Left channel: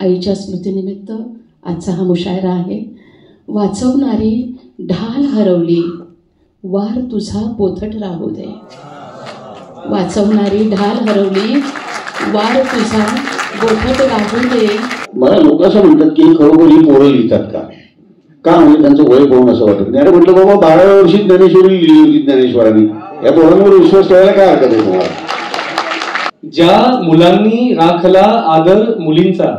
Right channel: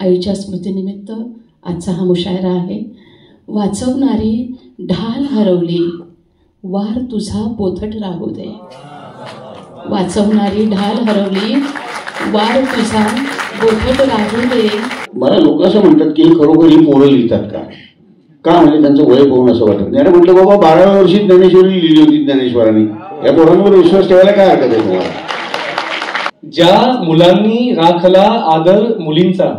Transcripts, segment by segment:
आईच्या स्मृतीनिमित्त आजचा हा मुशायरा आहे. वाचवणारी ढाल हरवली, वार तुझा पोथट राहू दे. वाचवणारी ढाल हरवली, वार तुझा पोथट राहू दे. मला लोक असं म्हणतात की खरोखर ही पोरं लिहितात का म्हणजे त्यांचं वय पाहून असं वाटत नाही. अरे म्हटलं बाबा 12व्या वर्षी ज्ञानेश्वरी लिहिली होती ज्ञानेश्वरांनी. या पोरांवर विश्वास ठेवायला काय हरकत आहे तुम्हाला. ज्या मुलांनी राखला आदर मुलींचा,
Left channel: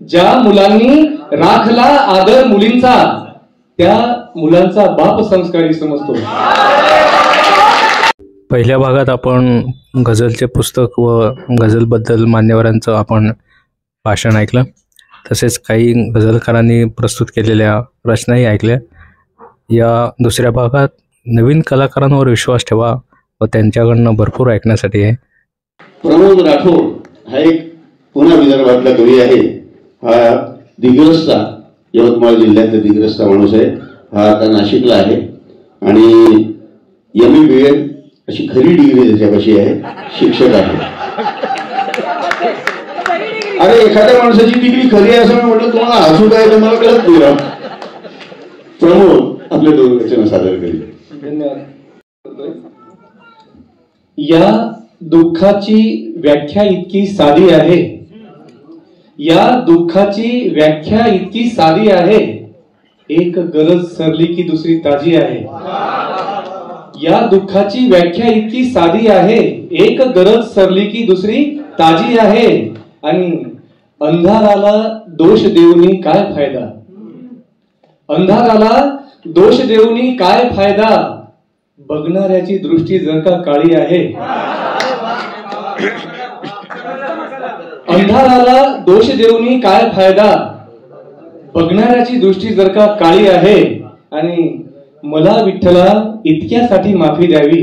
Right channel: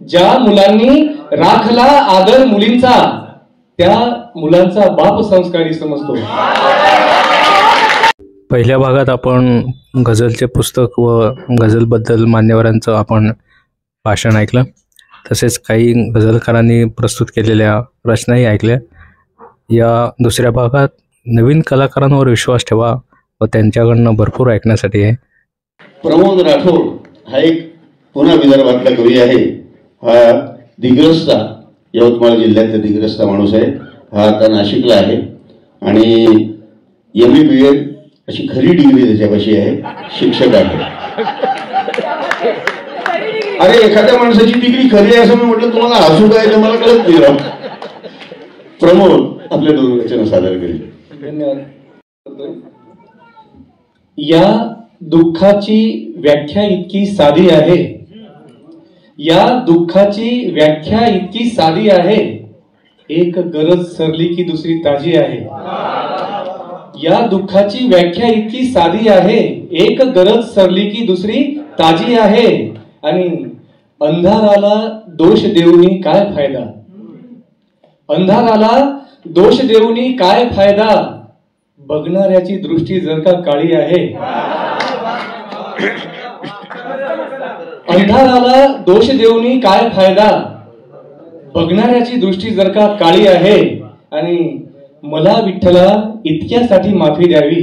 ज्या मुलांनी राखला आदर मुलींचा, त्या मुलांचा बाप संस्कारी समजतो. पहिल्या भागात आपण गझलचे पुस्तक व गझलबद्दल मान्यवरांचं आपण भाषण ऐकलं. तसेच काही गझलकारांनी प्रस्तुत केलेल्या रचनाही ऐकल्या. या दुसऱ्या भागात नवीन कलाकारांवर विश्वास ठेवा व त्यांच्याकडनं भरपूर ऐकण्यासाठी आहे. प्रमोद राठोड हा एक पुन्हा विदर्भातला कवी आहे. हा दिग्रसचा, यवतमाळ जिल्ह्यातला दिग्रसचा माणूस आहे. हा आता नाशिकला आहे आणि MA-BA अशी खरी डिग्री त्याच्यापाशी आहे. शिक्षक आहे. अरे एखाद्या माणसाची डिग्री खरी आहे असं मी म्हटलं तुम्हाला हसू काय तुम्हाला कळत नाही. प्रमोद आपले 2 वचन सादर करेल. धन्यवाद. या दुःखाची व्याख्या इतकी साधी आहे, या दुःखाची व्याख्या इतकी साधी आहे, एक गरज सरली की दुसरी ताजी आहे. या दुःखाची व्याख्या इतकी साधी आहे, एक गरज सरली की दुसरी ताजी आहे. आणि अंधाराला दोष देऊनी काय फायदा, अंधाराला दोष देऊनी काय फायदा, बघणाऱ्याची दृष्टी जर का काळी आहे. अंधाराला दोष देऊनी काय फायदा, बघणाऱ्याची दृष्टी जर का काळी आहे. आणि मला विठ्ठला इतक्यासाठी माफी द्यावी,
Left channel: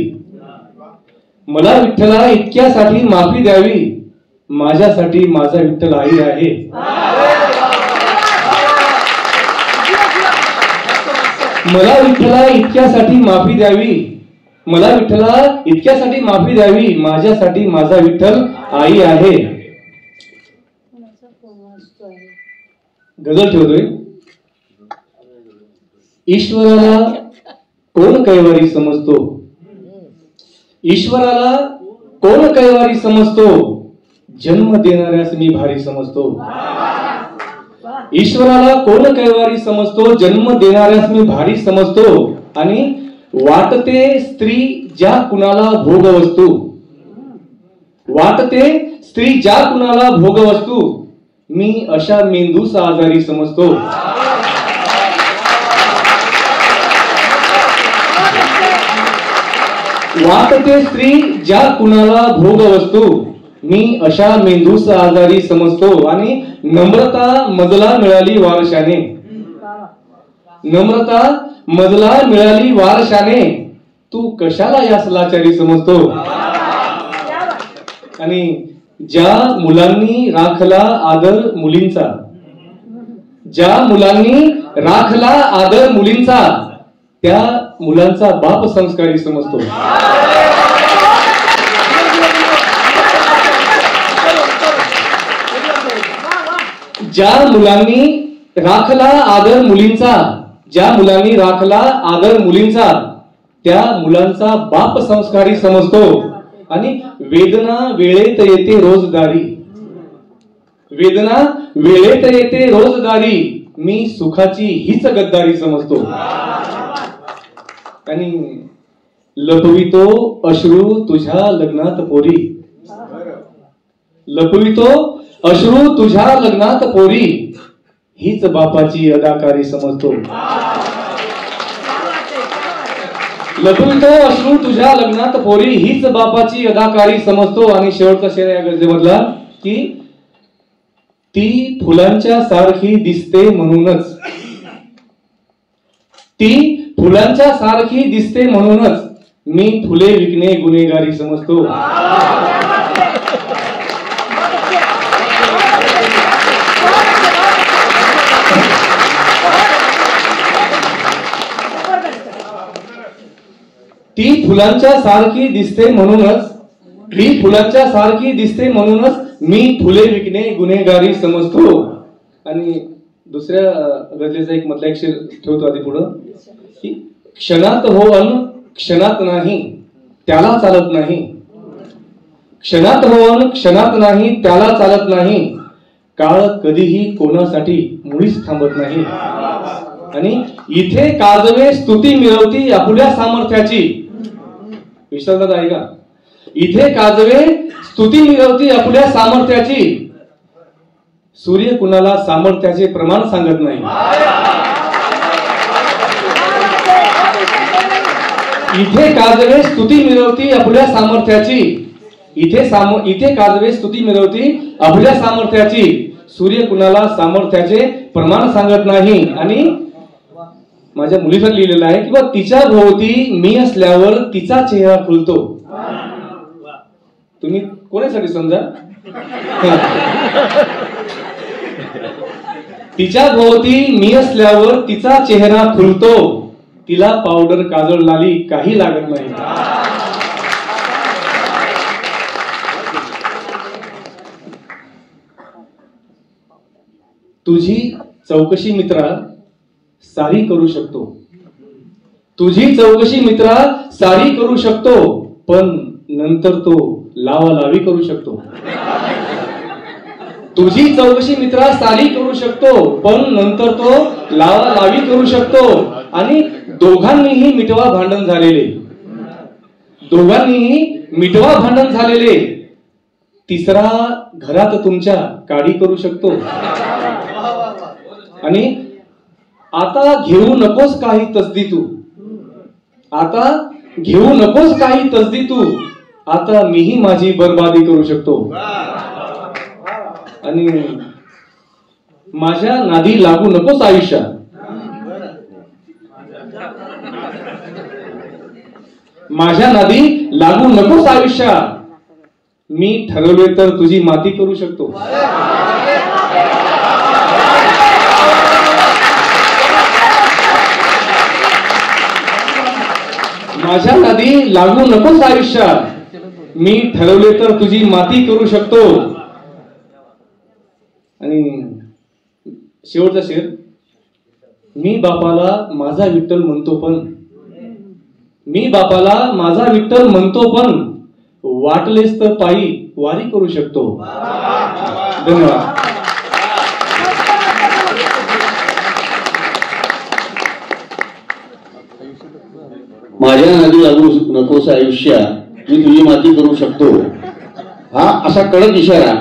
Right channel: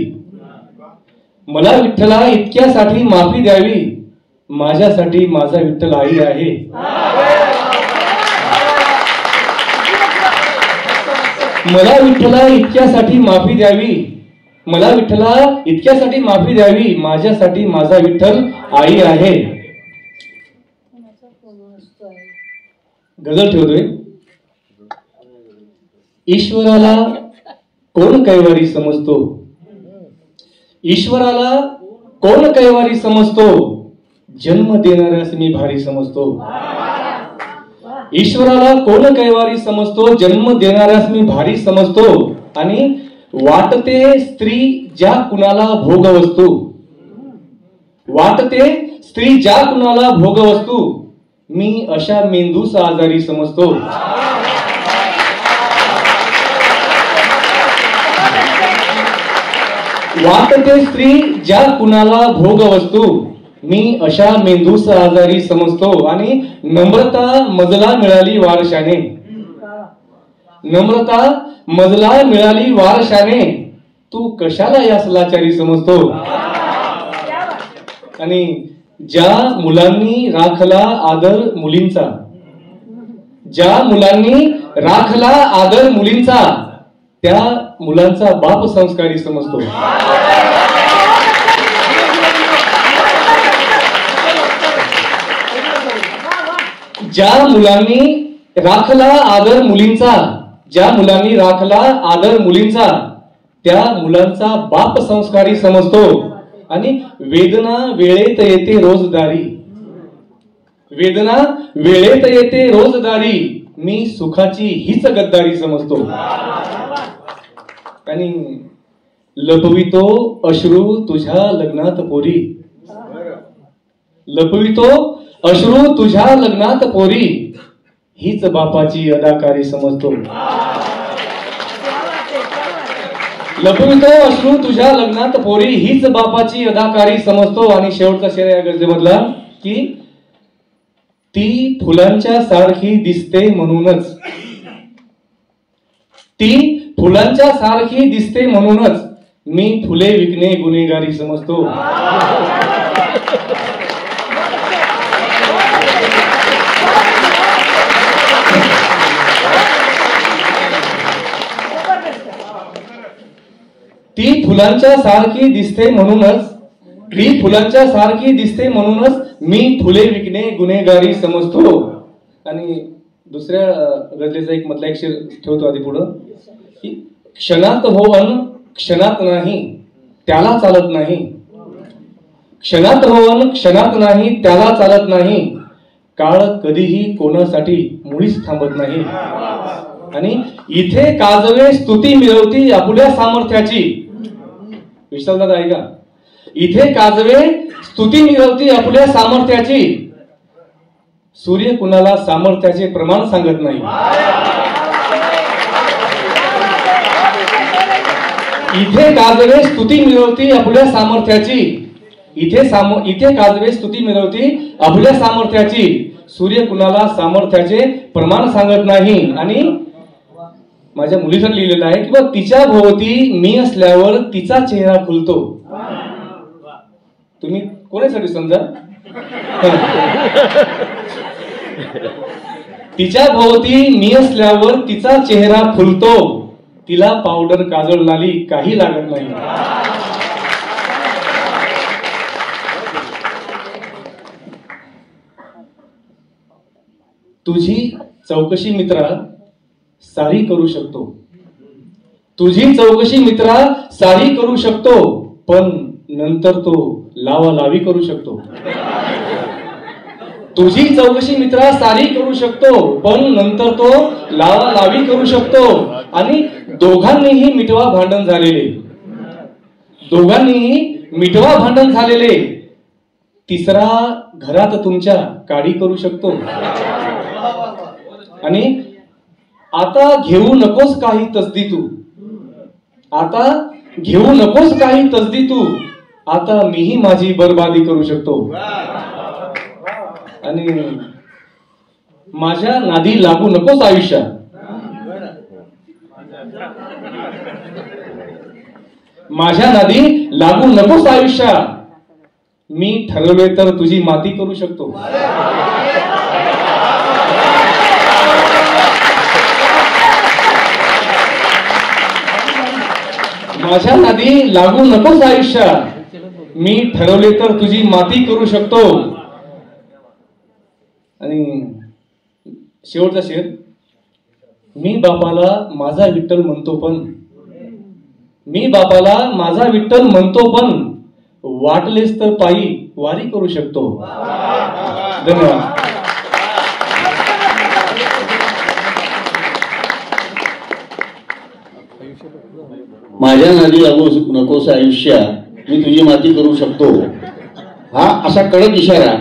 मला विठ्ठला इतक्यासाठी माफी द्यावी, माझ्यासाठी माझा विठ्ठल आई आहे. मला विठ्ठला इतक्यासाठी माफी द्यावी, मला विठ्ठला इतक्यासाठी माफी द्यावी, माझ्यासाठी माझा विठ्ठल आई आहे. गझल ठेवतोय. ईश्वराला कोण कैवारी समजतो, ईश्वराला कोण कैवारी समजतो, जन्म देणाऱ्यास मी भारी समजतो. ईश्वराला कोण कैवारी समजतो, जन्म देणाऱ्यास मी भारी समजतो. आणि वाटते स्त्री ज्या कुणाला भोगवस्तू, वाटते स्त्री ज्या कुणाला भोगवस्तू, मी अशा मेंदूस आजारी समजतो. वाटते स्त्री ज्या कुणाला भोगवस्तू, मी अशा मेंदूस आजारी समजतो. आणि नम्रता मजला मिळाली वारशाने, नम्रता मजला मिळाली वारशाने, तू कशाला यास लाचारी समजतो. आणि ज्या मुलांनी राखला आदर मुलींचा, ज्या मुलांनी राखला आदर मुलींचा, त्या मुलांचा बाप संस्कारी समजतो. ज्या मुलांनी राखला आदर मुलींचा, ज्या मुलांनी राखला आदर मुलींचा, त्या मुलांचा बाप संस्कारी समजतो. आणि वेदना वेळेत येते रोजदारी, वेदना वेळेत येते रोजदारी, मी सुखाची हीच गद्दारी समजतो. आणि लपवितो अश्रू तुझ्या लग्नात पोरी, लपवितो अश्रू तुझ्या लग्नात पोरी, हीच बापाची अदाकारी समजतो. लपवितो अश्रू तुझ्या लग्नात पोरी, हीच बापाची अदाकारी समजतो. आणि शेवटचा शेर या गझलेमधला की ती फुलांच्या सारखी दिसते म्हणूनच, ती फुलांच्या सारखी दिसते म्हणूनच, मी फुले विकणे गुन्हेगारी समजतो. ती फुलांच्या सारखी दिसते म्हणूनच, ती फुलांच्या सारखी दिसते म्हणूनच, मी फुले विकणे गुन्हेगारी समजतो. आणि दुसऱ्या गझलेचा एक मधला एक शेर ठेवतो आधी पुढं की क्षणात हो अन क्षणात नाही त्याला चालत नाही. क्षणात हो अन क्षणात नाही त्याला चालत नाही. काळ कधीही कोणासाठी मुळीच थांबत नाही. आणि इथे काजवे स्तुती मिळवती आपल्या सामर्थ्याची. विश्वासात आहे का? इथे काजवे स्तुती मिळवती आपल्या सामर्थ्याची. सूर्य कुणाला सामर्थ्याचे प्रमाण सांगत नाही. इथे काजवे स्तुती मिळवती आपल्या सामर्थ्याची. इथे काजवे स्तुती मिळवती आपल्या सामर्थ्याची. सूर्य कुणाला सामर्थ्याचे प्रमाण सांगत नाही. आणि माझ्या मुलीवर लिहिलेलं आहे की तिच्या भोवती मी असल्यावर तिचा चेहरा खुलतो. तुम्ही कोणासाठी समजा? तिच्या भोवती मी असल्यावर तिचा चेहरा खुलतो. तिला पावडर काजळ लाली काही लागत नाही. तुझी चौकशी मित्रा सारी करू शकतो. तुझी चौकशी मित्रा सारी करू शकतो. पण नंतर तो लावालावी करू शकतो. तुझी चौकशी मित्रा सारी करू शकतो. पण नंतर तो लावालावी करू शकतो. आणि दोघांनीही मिटवा भांडण झालेले. दोघांनीही मिटवा भांडण झालेले. तिसरा घरात तुमच्या काडी करू शकतो. आणि आता घेऊ नकोस काही तसदी तू. आता घेऊ नकोस काही तसदी तू. आता मीही माझी बरबादी करू शकतो. आणि माझ्या नादी लागू नकोस आयुष्यात. माझ्या नादी लागू नकोस आयुष्यात. मी ठरवले तर तुझी माती करू शकतो. माझ्या नादी लागू नकोस आयुष्यात. मी ठरवले तर तुझी माती करू शकतो. आणि शेवटचा शेर. मी बापाला माझा विठ्ठल म्हणतो पण. मी बापाला माझा विठ्ठल म्हणतो पण वाटलेस तर पायी वारी करू शकतो. धन्यवाद. माझ्या नादी लागू नकोस आयुष्या मी तुझी माती करू शकतो. हा असा कडक इशारा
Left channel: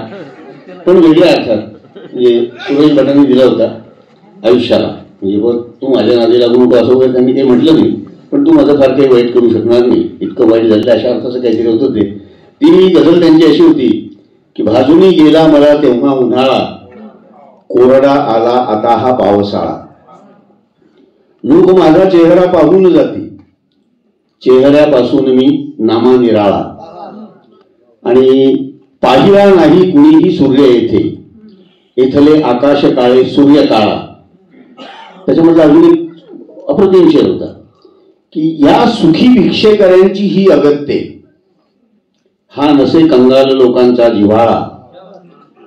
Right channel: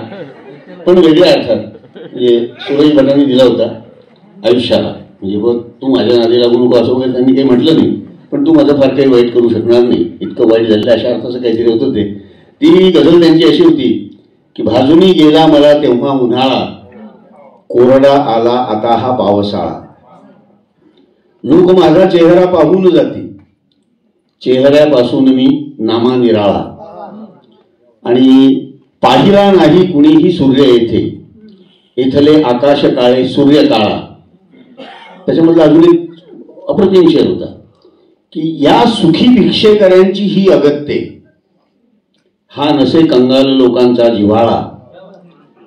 पण वेगळ्या अर्थात म्हणजे सुरेश भटांनी दिला होता आयुष्याला. म्हणजे बघ तू माझ्या नादी लागू नको असं वगैरे त्यांनी काही म्हटलं नाही. पण तू माझं फार काही वाईट करू शकणार नाही. इतकं वाईट झालं अशा अर्थाचं काहीतरी होतं ते. ती गझल त्यांची अशी होती की भाजूनी गेला मला तेव्हा उन्हाळा कोरडा आला आता हा पावसाळा. लोक माझा चेहरा पाहून जाती चेहऱ्यापासून मी नामा निराळा. आणि पाहिला नाही कुणीही सूर्य येथे इथले आकाश काळे सूर्य काळा. त्याच्यामधला अजून एक अप्रतिम शेर होता की या सुखी भिक्षेकऱ्यांची ही अगत्ये हा नसे कंगाल लोकांचा जिव्हाळा.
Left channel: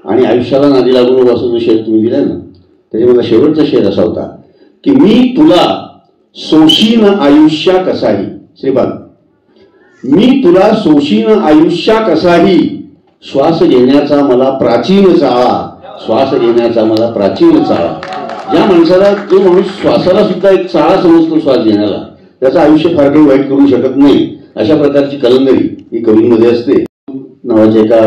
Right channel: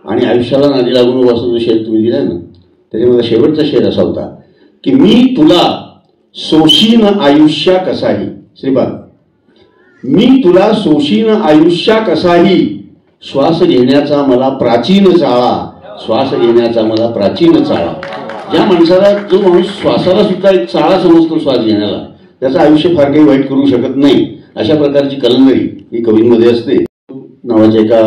आणि आयुष्याला नादी लागून असं जो शेर तुम्ही दिला ना त्याच्यामध्ये शेवटचा शेर असा होता की मी तुला सोशीन आयुष्या कसाही. श्रीपाद मी तुला सोशीन आयुष्या कसाही श्वास घेण्याचा मला प्राचीन चाळा. श्वास घेण्याचा मला प्राचीन चाळा. ज्या माणसाला जो माणूस श्वासाला सुद्धा एक चाळा समजतो श्वास घेण्याला त्याचं आयुष्य फार काही वाईट करू शकत नाही. अशा प्रकारची कलंदरी ही कवींमध्ये असते. नावाच्या एका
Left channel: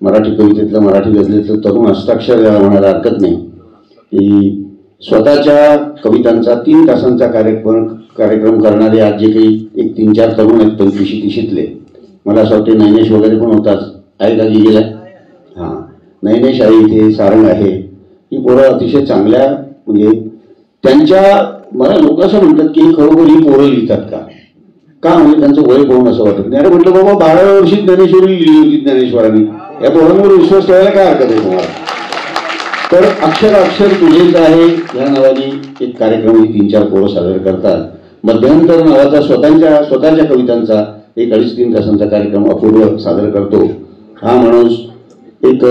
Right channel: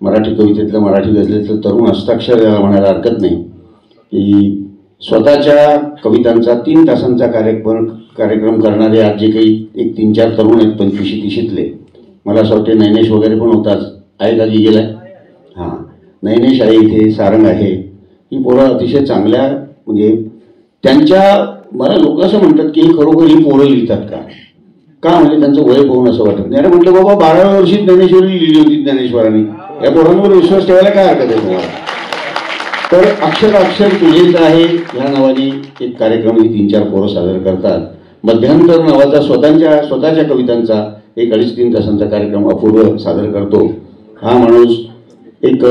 मराठी कवितेतलं मराठी गझलेतलं तरुण हस्ताक्षर म्हणायला हरकत नाही की स्वतःच्या कवितांचा 3 तासांचा कार्यक्रम करणारे आज जे काही एक 3-4 तरुण आहेत 25-30शीतले. मला असं वाटते नैनेश वगैरे पण होताच. आहे का की गेला? हां नैनेश आहे इथे सारंग आहे. ही पोरं अतिशय चांगल्या म्हणजे त्यांच्या मला लोक असं म्हणतात की खरोखर ही पोरं लिहितात का म्हणजे त्यांचं वय पाहून असं वाटत नाही. अरे म्हटलं बाबा 12व्या वर्षी ज्ञानेश्वरी लिहिली होती ज्ञानेश्वरांनी. या पोरांवर विश्वास ठेवायला काय हरकत आहे तुम्हाला? तर अक्षर तुझेच आहे या नावाने एक कार्यक्रम ही 3-4 पोरं सादर करतात. मध्यांतर नावाचा स्वतःच्या कवितांचा एक 2.5-3 तासांचा कार्यक्रम अपूर्व सादर करतो. हा माणूस एक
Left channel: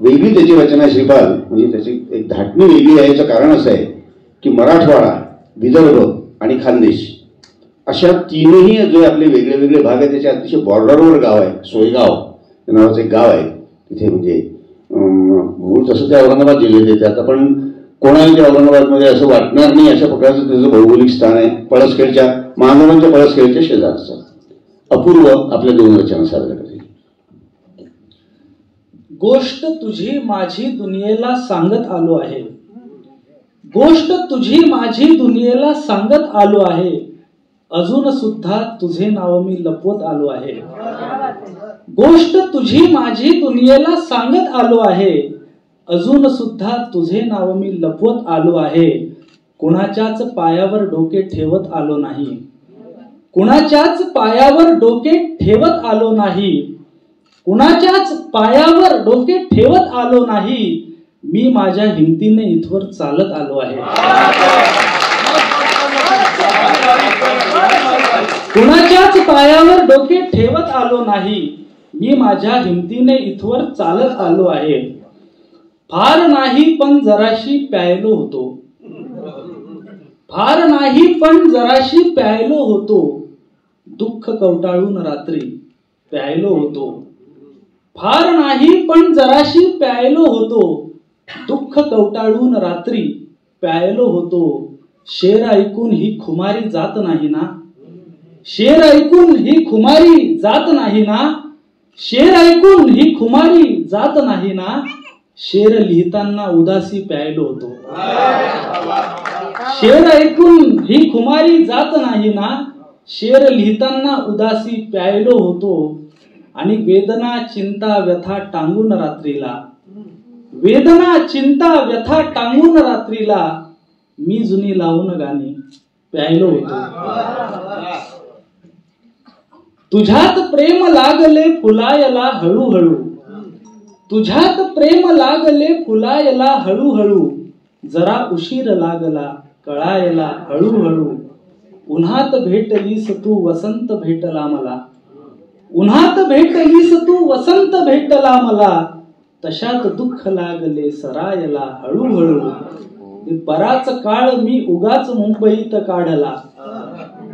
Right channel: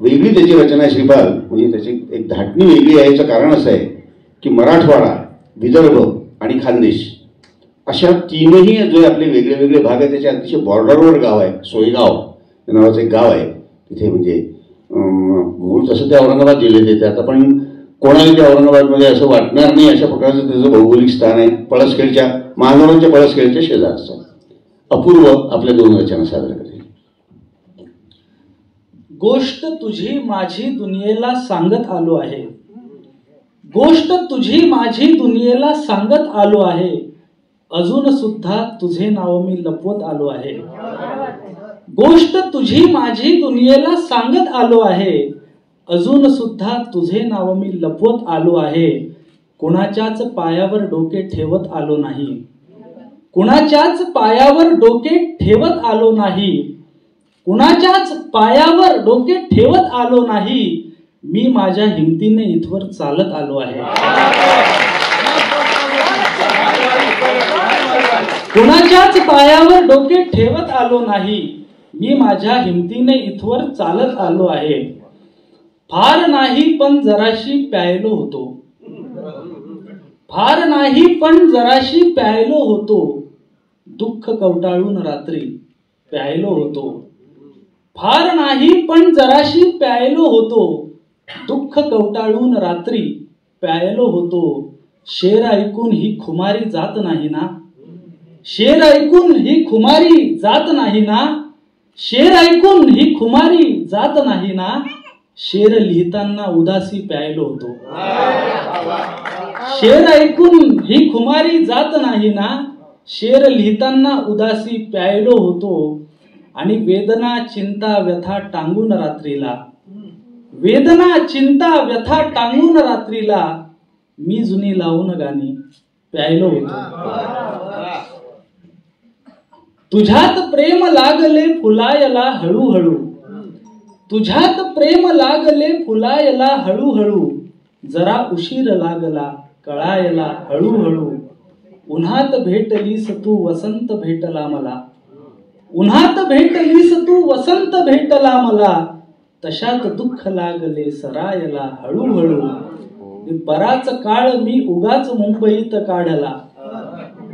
वेगळी त्याची रचना श्रीपाल, म्हणजे त्याची एक धाटणी वेगळी आहे. याचं कारण असं आहे की मराठवाडा, विदर्भ आणि खानदेश अशा तीनही जे आपले वेगळे वेगळे भाग आहेत त्याच्या अतिशय बॉर्डरवर गाव आहे. सोयगाव नावाचं एक गाव आहे तिथे, म्हणजे मूळ तसं ते औरंगाबाद जिल्ह्यात येते आता, पण कोणाला ते औरंगाबादमध्ये असं वाटणार नाही अशा प्रकारचं त्याचं भौगोलिक स्थान आहे. पळसखेडच्या, महानगरांच्या पळसखेडच्या शेजारचं अपूर्व आपल्या दोन रचना सादर करते. गोष्ट तुझी माझी दुनियेला सांगत आलो आहे, गोष्ट तुझी माझी दुनियेला सांगत आलो आहे, अजून सुद्धा तुझे नाव मी लपवत आलो आहे. गोष्ट तुझी माझी दुनियेला सांगत आलो आहे, अजून सुद्धा तुझे नाव मी लपवत आलो आहे. कुणाच्याच पायावर डोके ठेवत आलो नाही, कुणाच्याच पायावर डोके ठेवत आलो नाही, कुणाच्याच पायावर डोके ठेवत आलो नाही. मी माझ्या हिमतीने इथवर चालत आलो आहे. कुणाच्याच पायावर डोके ठेवत आलो नाही, मी माझ्या हिमतीने इथवर चालत आलो आहे. फार नाही पण जराशी प्यायलो होतो, फार नाही पण जराशी प्यायलो होतो, दुःख कवटाळून रात्री प्यायलो होतो. फार नाही पण जराशी प्यायलो होतो, दुःख कवटाळून रात्री प्यायलो होतो. शेर ऐकून ही खुमारी जात नाही ना, शेर ऐकून ही खुमारी जात नाही ना, शेर ऐकून ही खुमारी जात नाही ना. शेर लिहिताना उदासी प्यायलो होतो, शेर ऐकून ही खुमारी जात नाही ना, शेर लिहिताना उदासी प्यायलो होतो. आणि वेदना चिंता व्यथा टांगून रात्रीला, वेदना चिंता व्यथा टांगून रात्रीला, मी जुनी लावून गाणी प्यायलो होतो. तुझ्यात प्रेम लागले फुलायला हळूहळू, तुझ्यात प्रेम लागले फुलायला हळूहळू, जरा उशीर लागला कळायला हळूहळू. उन्हात भेटलीस तू वसंत भेटला मला, उन्हात भेटलीस तू वसंत भेटला मला, तशात दुःख लागले सरायला हळूहळू. बराच काळ मी उगाच मुंबईत काढला,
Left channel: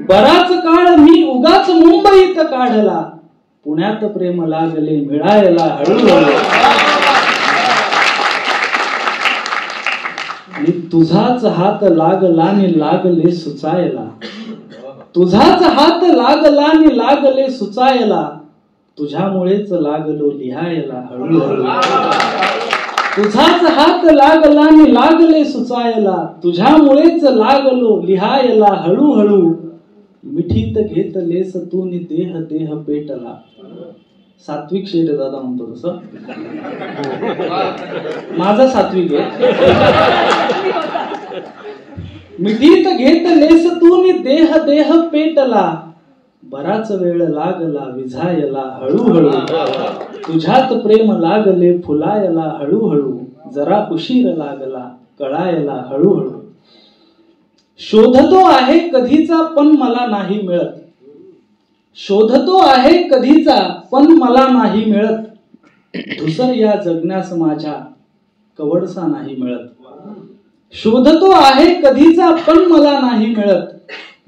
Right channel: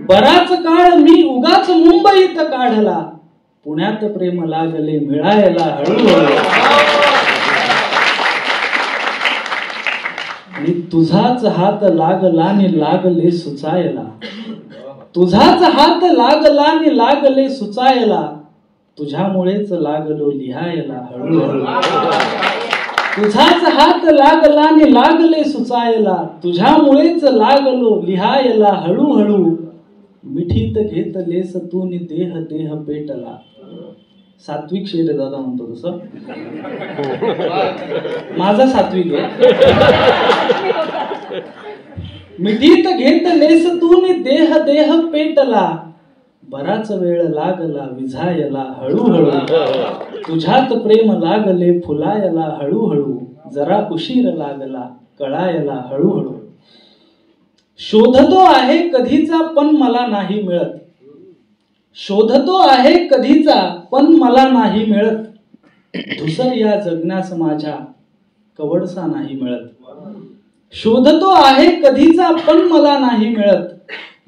बराच काळ मी उगाच मुंबईत काढला, पुण्यात प्रेम लागले मिळायला हळूहळू. आणि तुझाच हात लागला नि लागले सुचायला, तुझाच हात लागला नि लागले सुचायला, तुझ्यामुळेच लागलो लिहायला हळूहळू. तुझाच हात लागला नि लागले सुचायला, तुझ्यामुळेच लागलो लिहायला हळूहळू. मिठीत घेतलेस तू नि देह देह पेटला. सात्विक शेर आहे दादा म्हणतो तसं, माझा सात्विक आहे. मिठीत घेतलेस तू नि देह देह पेटला, बराच वेळ लागला विझायला हळूहळू. तुझ्यात प्रेम लागले फुलायला हळूहळू, जरा उशीर लागला कळायला हळूहळू. शोधतो आहे कधीचा पण मला नाही मिळत, शोधतो आहे कधीचा पण मला नाही मिळत, धुसर या जगण्यास माझ्या कवडसा नाही मिळत. शोधतो आहे कधीचा पण मला नाही मिळत,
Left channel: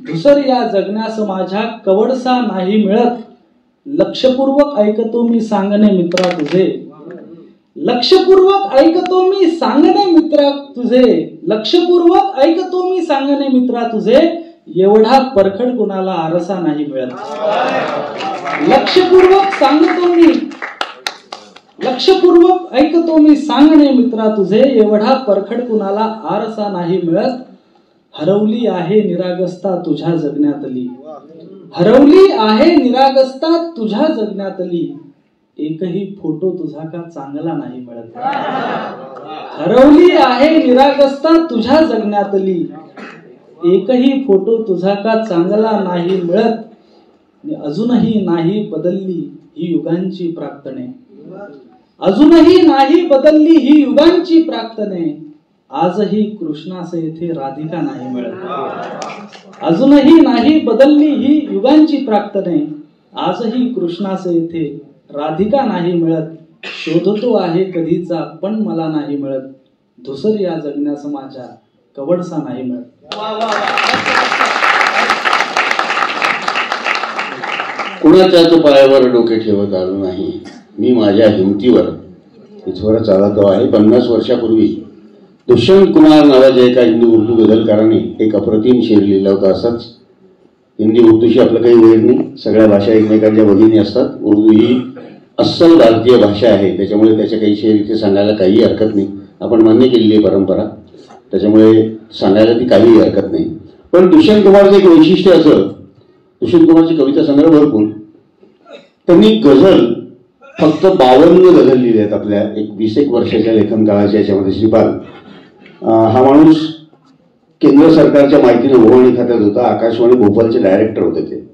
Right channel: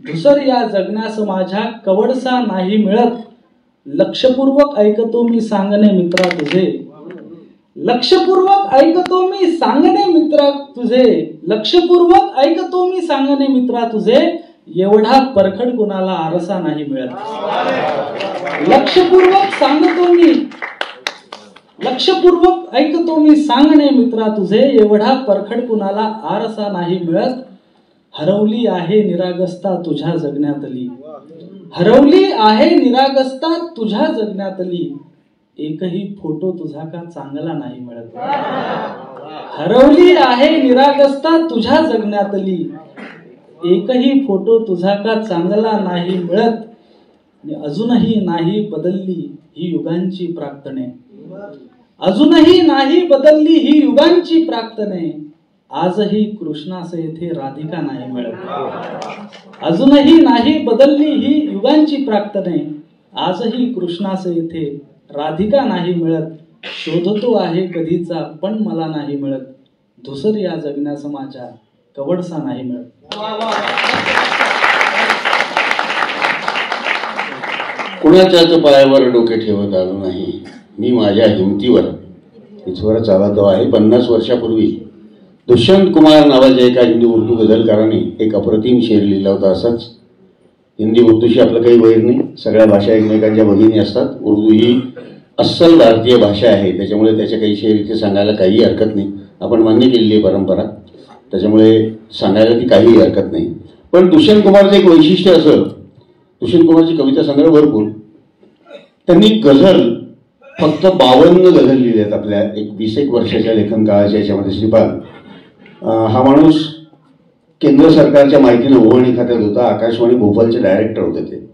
धुसर या जगण्यास माझ्या कवडसा नाही मिळत. लक्षपूर्वक ऐकतो मी सांगणे मित्रा तुझे, लक्षपूर्वक ऐकतो मी सांगणे मित्रा तुझे, लक्षपूर्वक ऐकतो मी सांगणे मित्रा तुझे, एवढा परखड कुणाला आरसा नाही मिळत. लक्षपूर्वक सांगतो मी, लक्षपूर्वक ऐकतो मी सांगणे मित्रा तुझे, एवढा परखड कुणाला आरसा नाही मिळत. हरवली आहे निरागसता तुझ्या जगण्यातली, हरवली आहे निरागसता तुझ्या जगण्यातली, एकही फोटो तुझा का चांगला नाही मिळत. हरवली आहे निरागसता तुझ्या जगण्यातली, एकही फोटो तुझा का चांगला नाही मिळत. अजूनही नाही बदलली ही युगांची प्रार्थने, अजूनही नाही बदलली ही युगांची प्रार्थने, आजही कृष्णास येथे राधिका नाही मिळत. अजूनही नाही बदलली ही युगांची प्रार्थने, आजही कृष्णास येथे राधिका नाही मिळत. शोधतो आहे कधीचा पण मला नाही मिळत, धुसर या जगण्यास माझ्या कवडसा नाही मिळत. कुणाच्याच पायावर डोके ठेवत आलो नाही, मी माझ्या हिमतीवर इथवर चालतो आहे. 50 वर्षापूर्वी दुष्यंत कुमार नावाच्या एका हिंदी उर्दू गझलकाराने एक अप्रतिम शेर लिहिला होता. असाच हिंदी उर्दूशी आपलं काही वैर नाही, सगळ्या भाषा एकमेकांच्या भगिनी असतात. उर्दू ही अस्सल भारतीय भाषा आहे, त्याच्यामुळे त्याच्या काही शेर इथे सांगायला काही हरकत नाही. आपण मान्य केलेली आहे परंपरा, त्याच्यामुळे सांगायला ती काही हरकत नाही. पण दुष्यंत कुमारचं एक वैशिष्ट्य असं, दुष्यंत कुमारची कविता संग्रह भरपूर, त्यांनी गझल फक्त 52 गझल लिहिले आहेत आपल्या 20 वर्षाच्या लेखन काळाच्या याच्यामध्ये. श्रीपाल हा माणूस केंद्र सरकारच्या माहिती व उभारणी खात्यात होता, आकाशवाणी भोपाळचे डायरेक्टर होते ते.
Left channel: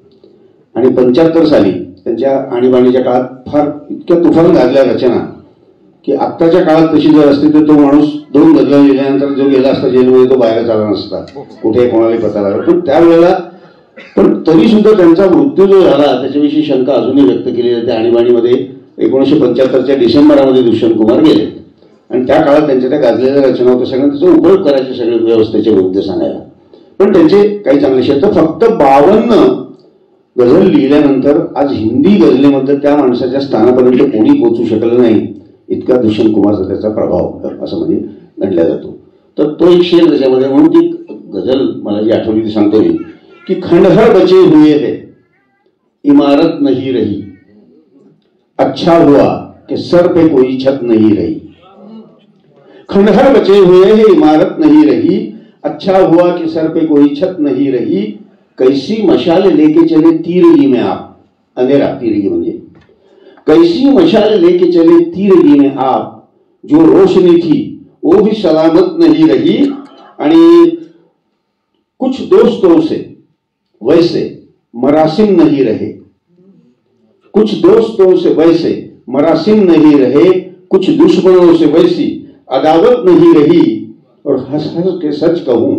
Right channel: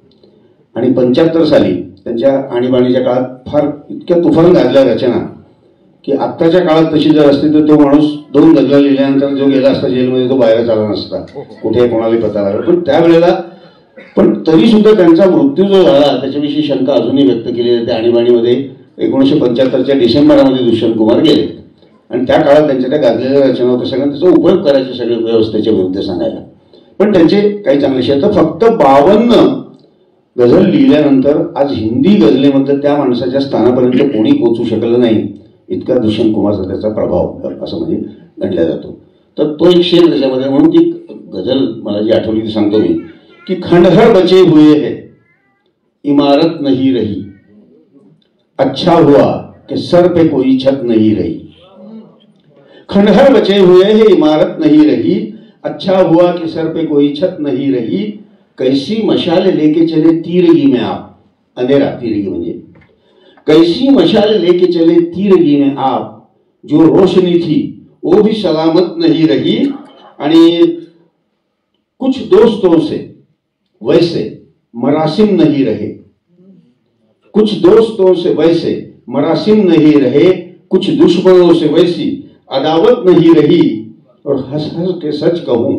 आणि 75 साली त्यांच्या आणीबाणीच्या काळात फार इतक्या तुफान गाजल्या रचना की आत्ताच्या काळात तशी जर असते तर तो माणूस 2 गझला लिहिल्यानंतर जो गेला असता जेलमध्ये तो बाहेर आला नसता, कुठे कोणालाही पता लागला. पण त्यावेळेला पण तरी सुद्धा त्यांचा मृत्यू जो झाला त्याच्याविषयी शंका अजूनही व्यक्त केली जाते. आणीबाणीमध्ये 1975च्या डिसेंबरमध्ये दुष्यंत कुमार गेले आणि त्या काळात त्यांच्या त्या गाजलेल्या रचना होत्या, सगळ्यांना त्याचा उपयोग करायचे सगळे व्यवस्थेचे मुद्दे सांगायला. पण त्यांचे काही चांगले शेर, तर फक्त 52 गझल लिहिल्यानंतर आज हिंदी गझलेमध्ये त्या माणसाच्या स्थानापर्यंत कोणी पोहोचू शकलं नाही, इतका दुष्यंत कुमारचा त्याचा प्रभाव असं म्हणजे गणला जातो. तर तो एक शेर त्याच्यामध्ये, म्हणून ती गझल मला जी आठवली ती सांगतो मी कि खंडहर बचे हुए है इमारत नहीं रही, अच्छा हुआ कि सर पे कोई छत नहीं रही. खंडहर बचे हुए है इमारत नहीं रही, अच्छा हुआ कि सर पे कोई छत नहीं रही, कैसी मशाल लेके चले तीरगी में आप, अंधेरा तीरगी म्हणजे कैसी मशाल लेके चले तीरगी में आप, जो रोशनी थी वो भी सलामत नहीं रही. आणि कुछ दोस्तों से वैसे मरासिम नहीं रहे, कुछ दोस्तों से वैसे मरासिम नहीं रहे, कुछ दुश्मनों से वैसी अदावत नहीं रही, और हंस हंस के सच कहूं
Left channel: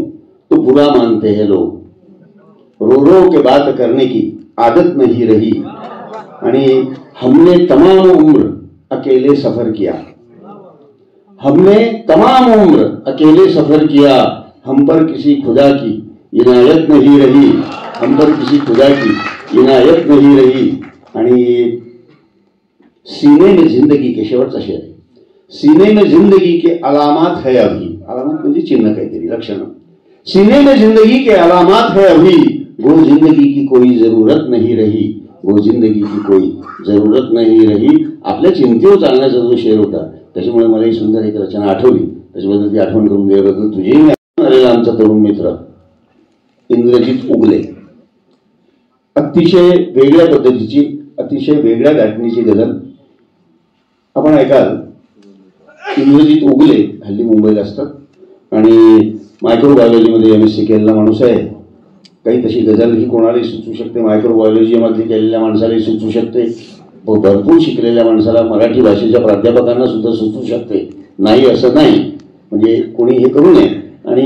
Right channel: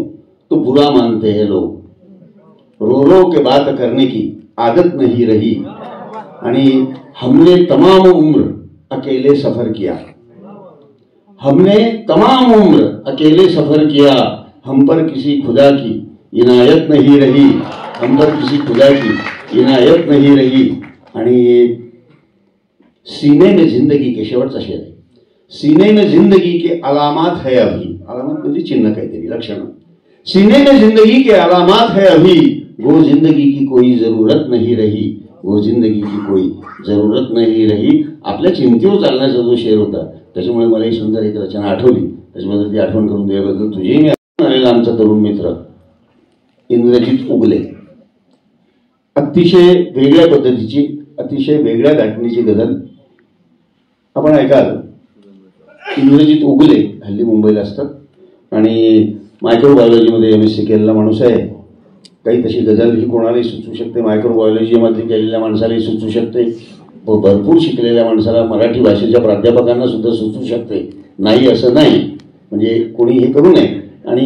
तो बुरा मानते हैं लोग, रो रो के बात करने की आदत नहीं रही. आणि हमने तमाम उम्र अकेले सफर किया, हमने तमाम उम्र अकेले सफर किया, हम पर किसी खुदा की इनायत नहीं रही, हम पर किसी खुदा की इनायत नहीं रही. आणि सीने में जिंदगी के शेवटचा शेर आहे, सीने में जिंदगी के अलामात है अभी, अलामात म्हणजे चिन्ह काहीतरी लक्षण, सीने में जिंदगी के अलामात है अभी, वो जिंदगी की कोई जरूरत नहीं रही, वो जिंदगी की कोई जरूरत नहीं रही. आपल्या चिंतेवर चालण्याचा जो शेर होता त्याच्यामुळे मला ही सुंदर एक रचना आठवली, त्याच्याबद्दल ती आठवण करून दिल्याबद्दल तुझेही मी आलेला आमचा तरुण मित्र इंद्रजित उगले, अतिशय वेगळ्या पद्धतीची अतिशय वेगळ्या गाठणीची गझल आपण ऐकाल. इंद्रजित उगले हल्ली मुंबईला असतात आणि मायक्रोबायोलॉजीमध्ये MSc केलेला माणूस आहे. काही तशी गझल ही कोणालाही सुचू शकते, मायक्रोबायोलॉजीमध्ये केलेल्या माणसालाही सुचू शकते, भरपूर शिकलेल्या माणसाला मराठी भाषेच्या प्राध्यापकांना सुद्धा सुचू शकते, नाही असं नाही, म्हणजे कोणी हे करू नये. आणि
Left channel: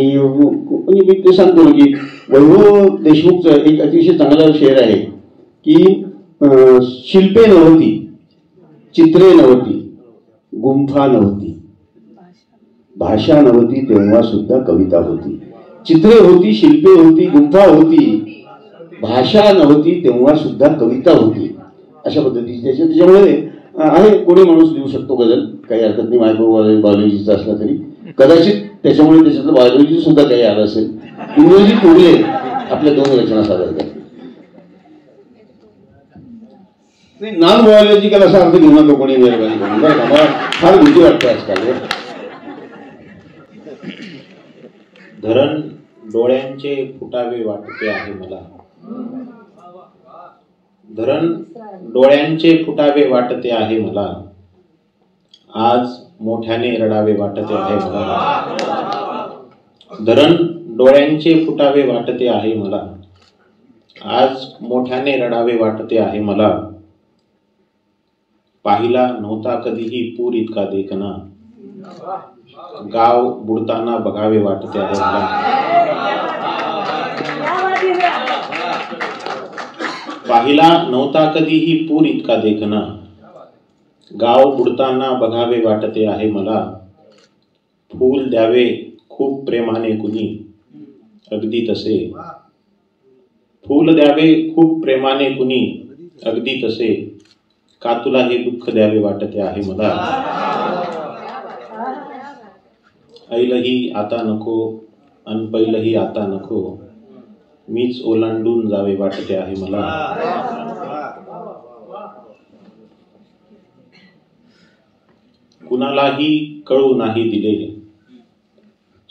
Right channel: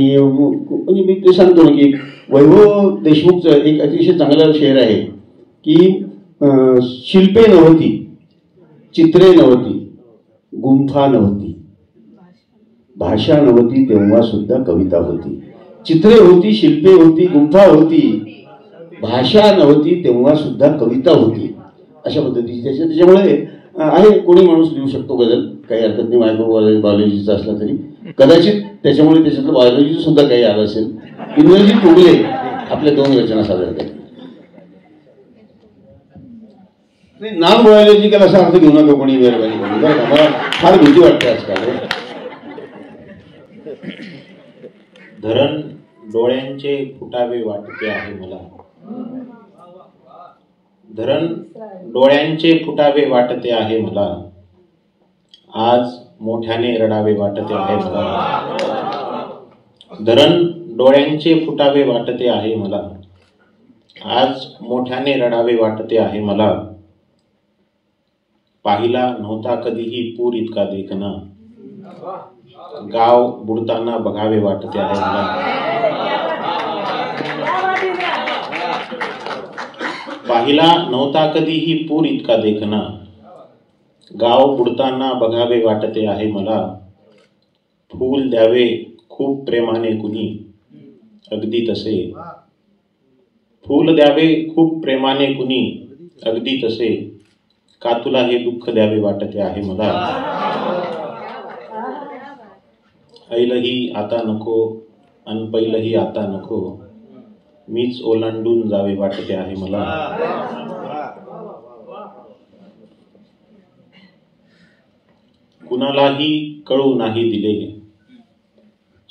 मी ते सांगतो ना की वैभव देशमुखचं एक अतिशय चांगला शेर आहे की शिल्पे नव्हती, चित्रे नव्हती, गुंफा नव्हती, भाषा नव्हती, तेव्हा सुद्धा कविता होती. चित्रे होती, शिल्पे होती, गुंफा होती, भाषा नव्हती, तेव्हा सुद्धा कविता होती. अशा पद्धतीची त्याच्यामुळे आहे, कोणी माणूस लिहू शकतो गझल, काही हरकत नाही. मायक्रोबायोलॉजीचा असला तरी कदाचित त्याच्यामुळे त्याच्यातलं बायोलॉजी सुद्धा काही आलं असेल. इंद्रजित उगले आपल्या 2 रचना सादर करतात. नॉन बायोलॉजिकल असा अर्थ घेऊ नका कोणी मेहरबानी करून, बरं का, मला फार भीती वाटते आजकाल. धरण डोळ्यांचे फुटावे वाटते आहे मला, धरण डोळ्यांचे फुटावे वाटते आहे मला, आज मोठ्याने रडावे वाटते आहे मला, धरण डोळ्यांचे फुटावे वाटते आहे मला, आज मोठ्याने रडावे वाटते आहे मला, पाहिला नव्हता कधीही पूर इतका देखना, गाव बुडताना बघावे वाटते आहे मला, पाहिला नव्हता कधीही पूर इतका देखना, गाव बुडताना बघावे वाटते आहे मला, फूल द्यावे खूप प्रेमाने कुणी, अगदी तसे फूल द्यावे खूप प्रेमाने कुणी, अगदी तसे का तुला हे दुःख द्यावे वाटते आहे मला. ऐलही आता नको अन पहिलही आता नको, मीच ओलांडून जावे वाटते आहे मला. कुणालाही कळू नाही दिले,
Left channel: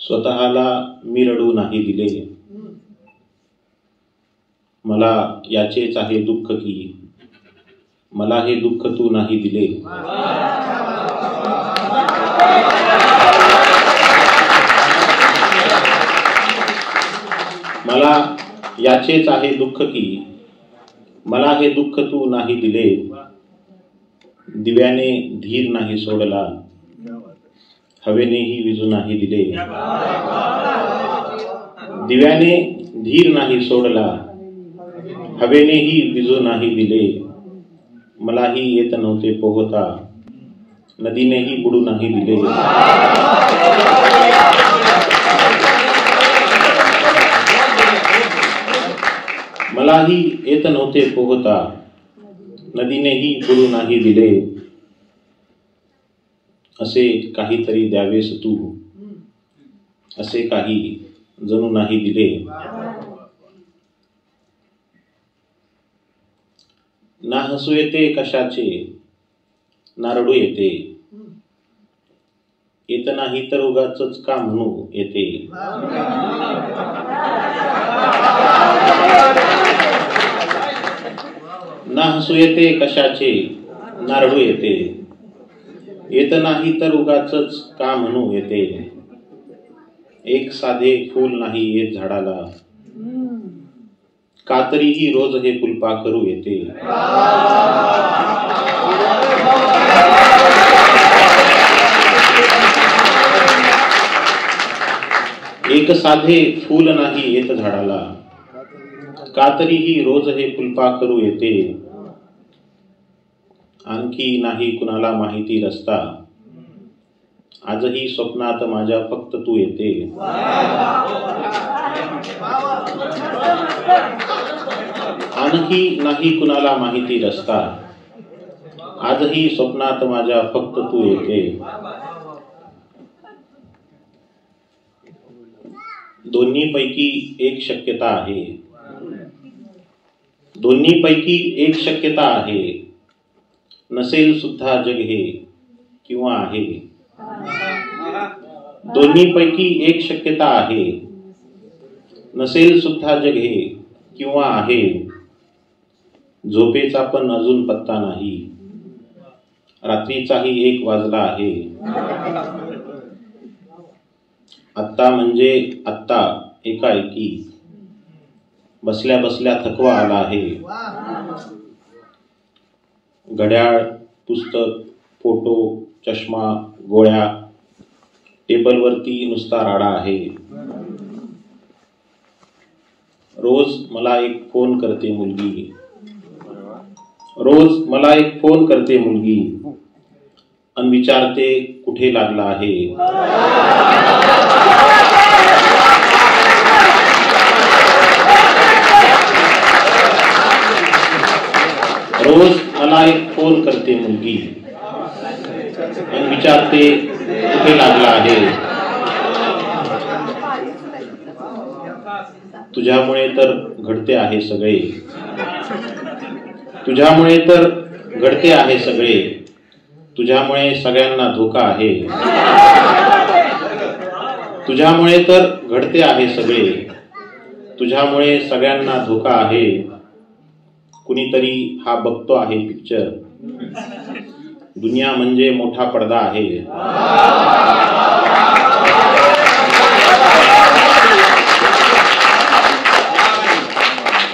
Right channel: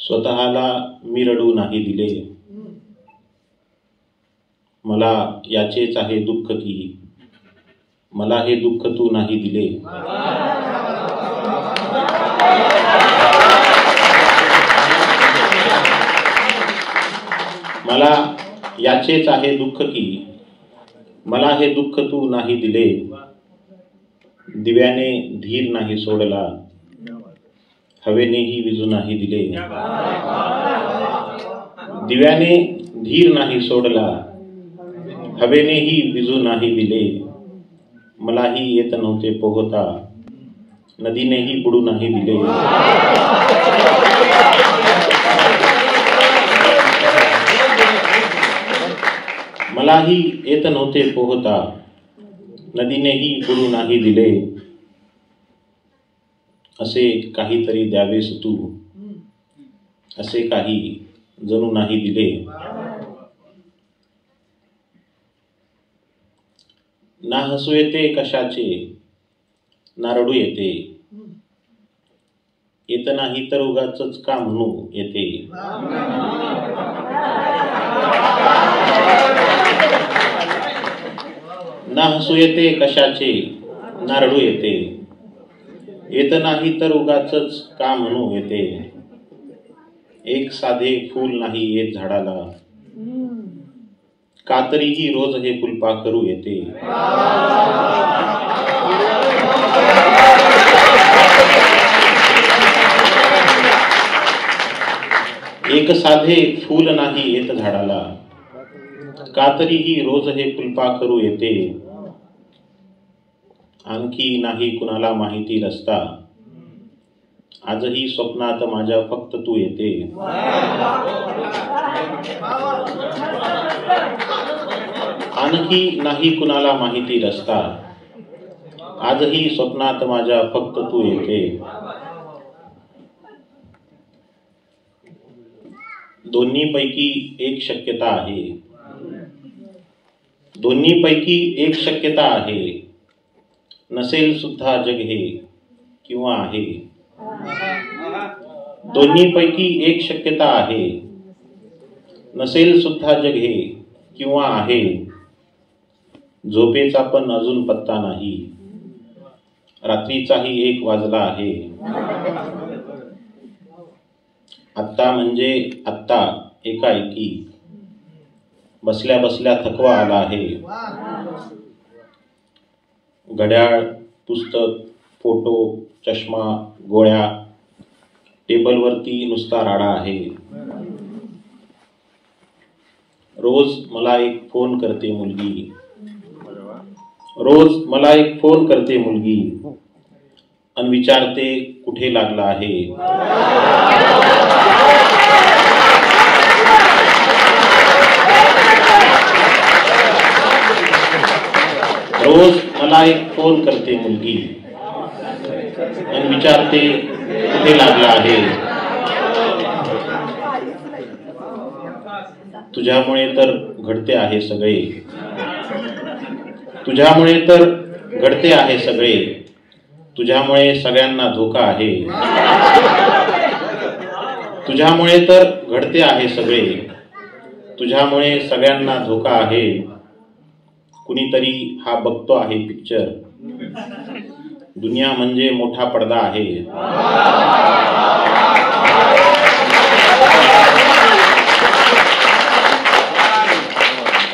स्वतःला मी रडू नाही दिले, मला याचेच आहे दुःख की मला हे दुःख तू नाही दिले. मला याचेच आहे दुःख की मला हे दुःख तू नाही दिले. दिव्याने धीर नाही सोडला, हवेनेही विजू नाही दिले. दिव्याने धीर नाही सोडला, हवेनेही विजू नाही दिले. मलाही येत नव्हते पोहता, नदीनेही बुडू नाही दिले. मलाही येत नव्हते पोहता, नदीनेही बुडू नाही दिले. असे काहीतरी द्यावेस तू, असे काही जणू नाही दिले. ना हसू येते कशाचे, ना रडू येते, येत नाही तर उगाचच का म्हणू येते. ना हसू येते कशाचे, ना रडू येते, येत नाही तर उगाचच का म्हणू येते. एक साधे फूल नाही येत झाडाला, का तरीही रोज हे फुलपाखरू येते. एक साधे फूल नाही येत झाडाला, का तरीही रोज हे फुलपाखरू येते. आणखी नाही कुणाला माहिती रस्ता, आजही स्वप्नात माझ्या फक्त तू येते. आणखी नाही कुणाला माहिती रस्ता, आजही स्वप्नात माझ्या फक्त तू येते. दोन्ही पैकी एक शक्यता आहे, दोन्ही पैकी एक शक्यता आहे, नसेल सुद्धा जग हे किंवा आहे. दोन्ही पैकी एक शक्यता आहे, नसेल सुद्धा जग हे किंवा आहे. झोपेचा पण अजून पत्ता नाही, रात्रीचाही 1 वाजला आहे. आत्ता म्हणजे आत्ता एकाएकी, बसल्या बसल्या थकवा आला आहे. घड्याळ, पुस्तक, फोटो, चष्मा, गोळ्या, टेबलवरती नुसता राडा आहे. रोज मला एक फोन करते मुलगी, रोज मला एक फोन करते मुलगी, अन विचारते कुठे लागला आहे. रोज मला एक फोन करते मुलगी, अन विचारते कुठे लागला आहे. तुझ्यामुळे तर घडते आहे सगळे, तुझ्यामुळे तर घडते आहे सगळे, तुझ्यामुळे सगळ्यांना धोका आहे. तुझ्यामुळे तर घडते आहे सगळे, तुझ्यामुळे सगळ्यांना धोका आहे. कुणीतरी हा बघतो आहे पिक्चर, दुनिया म्हणजे मोठा पडदा आहे.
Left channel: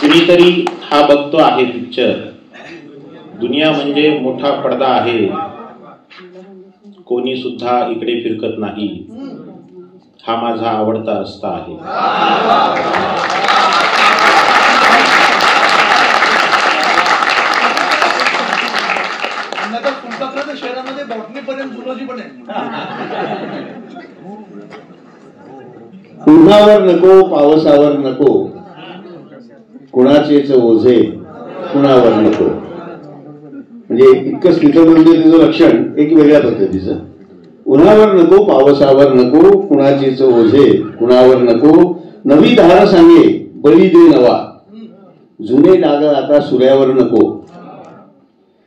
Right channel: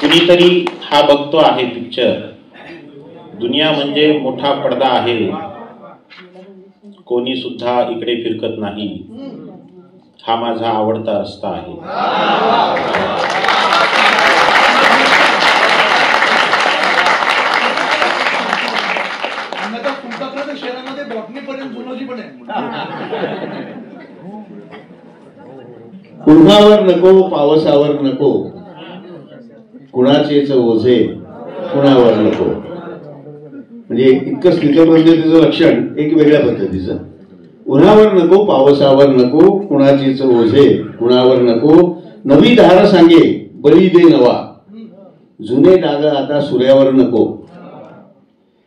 कुणीतरी हा बघतो आहे पिक्चर, दुनिया म्हणजे मोठा पडदा आहे. कोणी सुद्धा इकडे फिरकत नाही, हा माझा आवडता रस्ता आहे. उन्हावर नको पावसावर नको, कुणाचेच ओझे कुणावर नको. म्हणजे इतकं स्थिर म्हणजे तिचं लक्षण एक वेगळ्या पद्धतीचं. उन्हावर नको पावसावर नको, कुणाचेच ओझे कुणावर नको. नवी धार सांगे बळी दे नवा, जुने डाग आता सूर्यावर नको.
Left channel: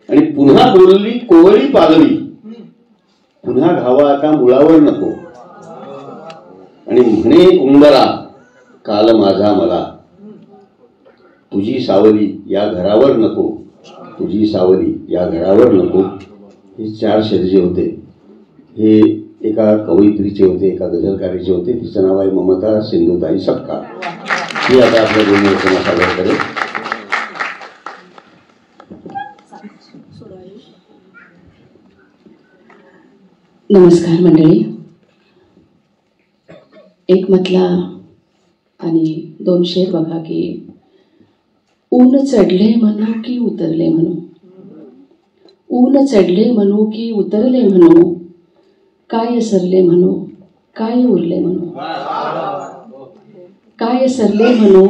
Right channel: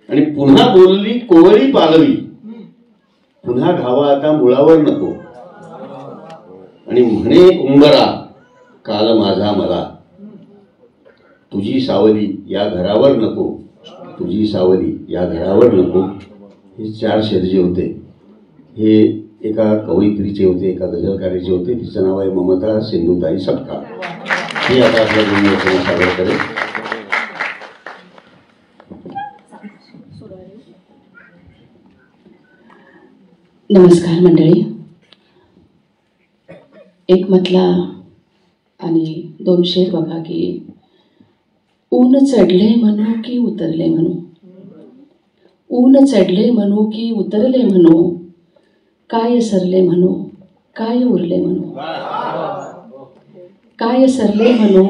आणि पुन्हा बोलली कोवळी पालवी, पुन्हा घावा आता मुळावर नको. आणि म्हणे उंबरा काल माझा मला, तुझी सावली या घरावर नको, तुझी सावली या घरावर नको. हे 4 शब्द जे होते हे एका कवयित्रीचे होते, एका गझलकारीचे होते. तिचं नाव आहे ममता सिंधुताई सपकाळ. ती आता आपल्या दोन्ही रचना सादर करेल. नमस्कार मंडळी. एक मतला आणि 2 शेर बघा की ऊन चढले म्हणू की उतरले म्हणू, ऊन चढले म्हणू की उतरले म्हणू, काय सरले म्हणू काय उरले म्हणू, काय सरले म्हणू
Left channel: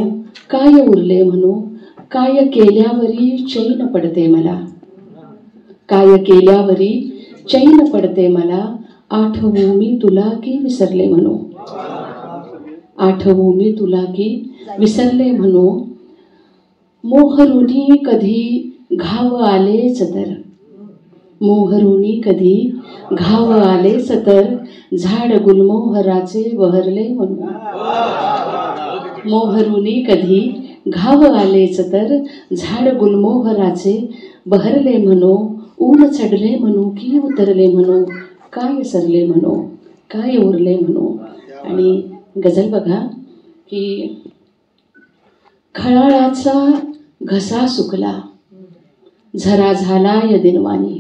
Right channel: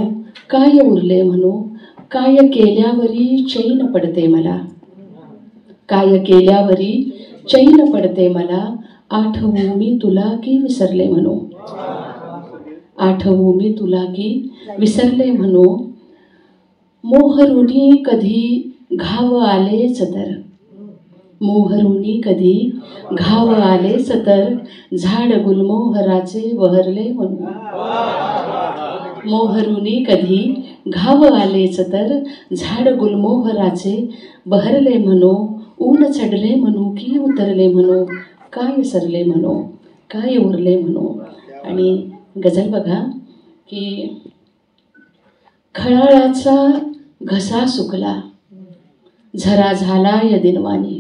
काय उरले म्हणू, काय केल्यावरी चैन पडते मला, काय केल्यावरी चैन पडते मला, आठवू मी तुला की विसरले म्हणू, आठवू मी तुला की विसरले म्हणू. मोहरुनी कधी घाव आलेच तर, मोहरुनी कधी घाव आलेच तर, झाड गुलमोहराचे बहरले म्हणू, मोहरुनी कधी घाव आलेच तर, झाड गुलमोहराचे बहरले म्हणू. ऊन चढले म्हणू की उतरले म्हणू, काय सरले म्हणू काय उरले म्हणू. आणि गझल बघा की खळाळाचा घसा सुकला झरा झाला या दिनवानी,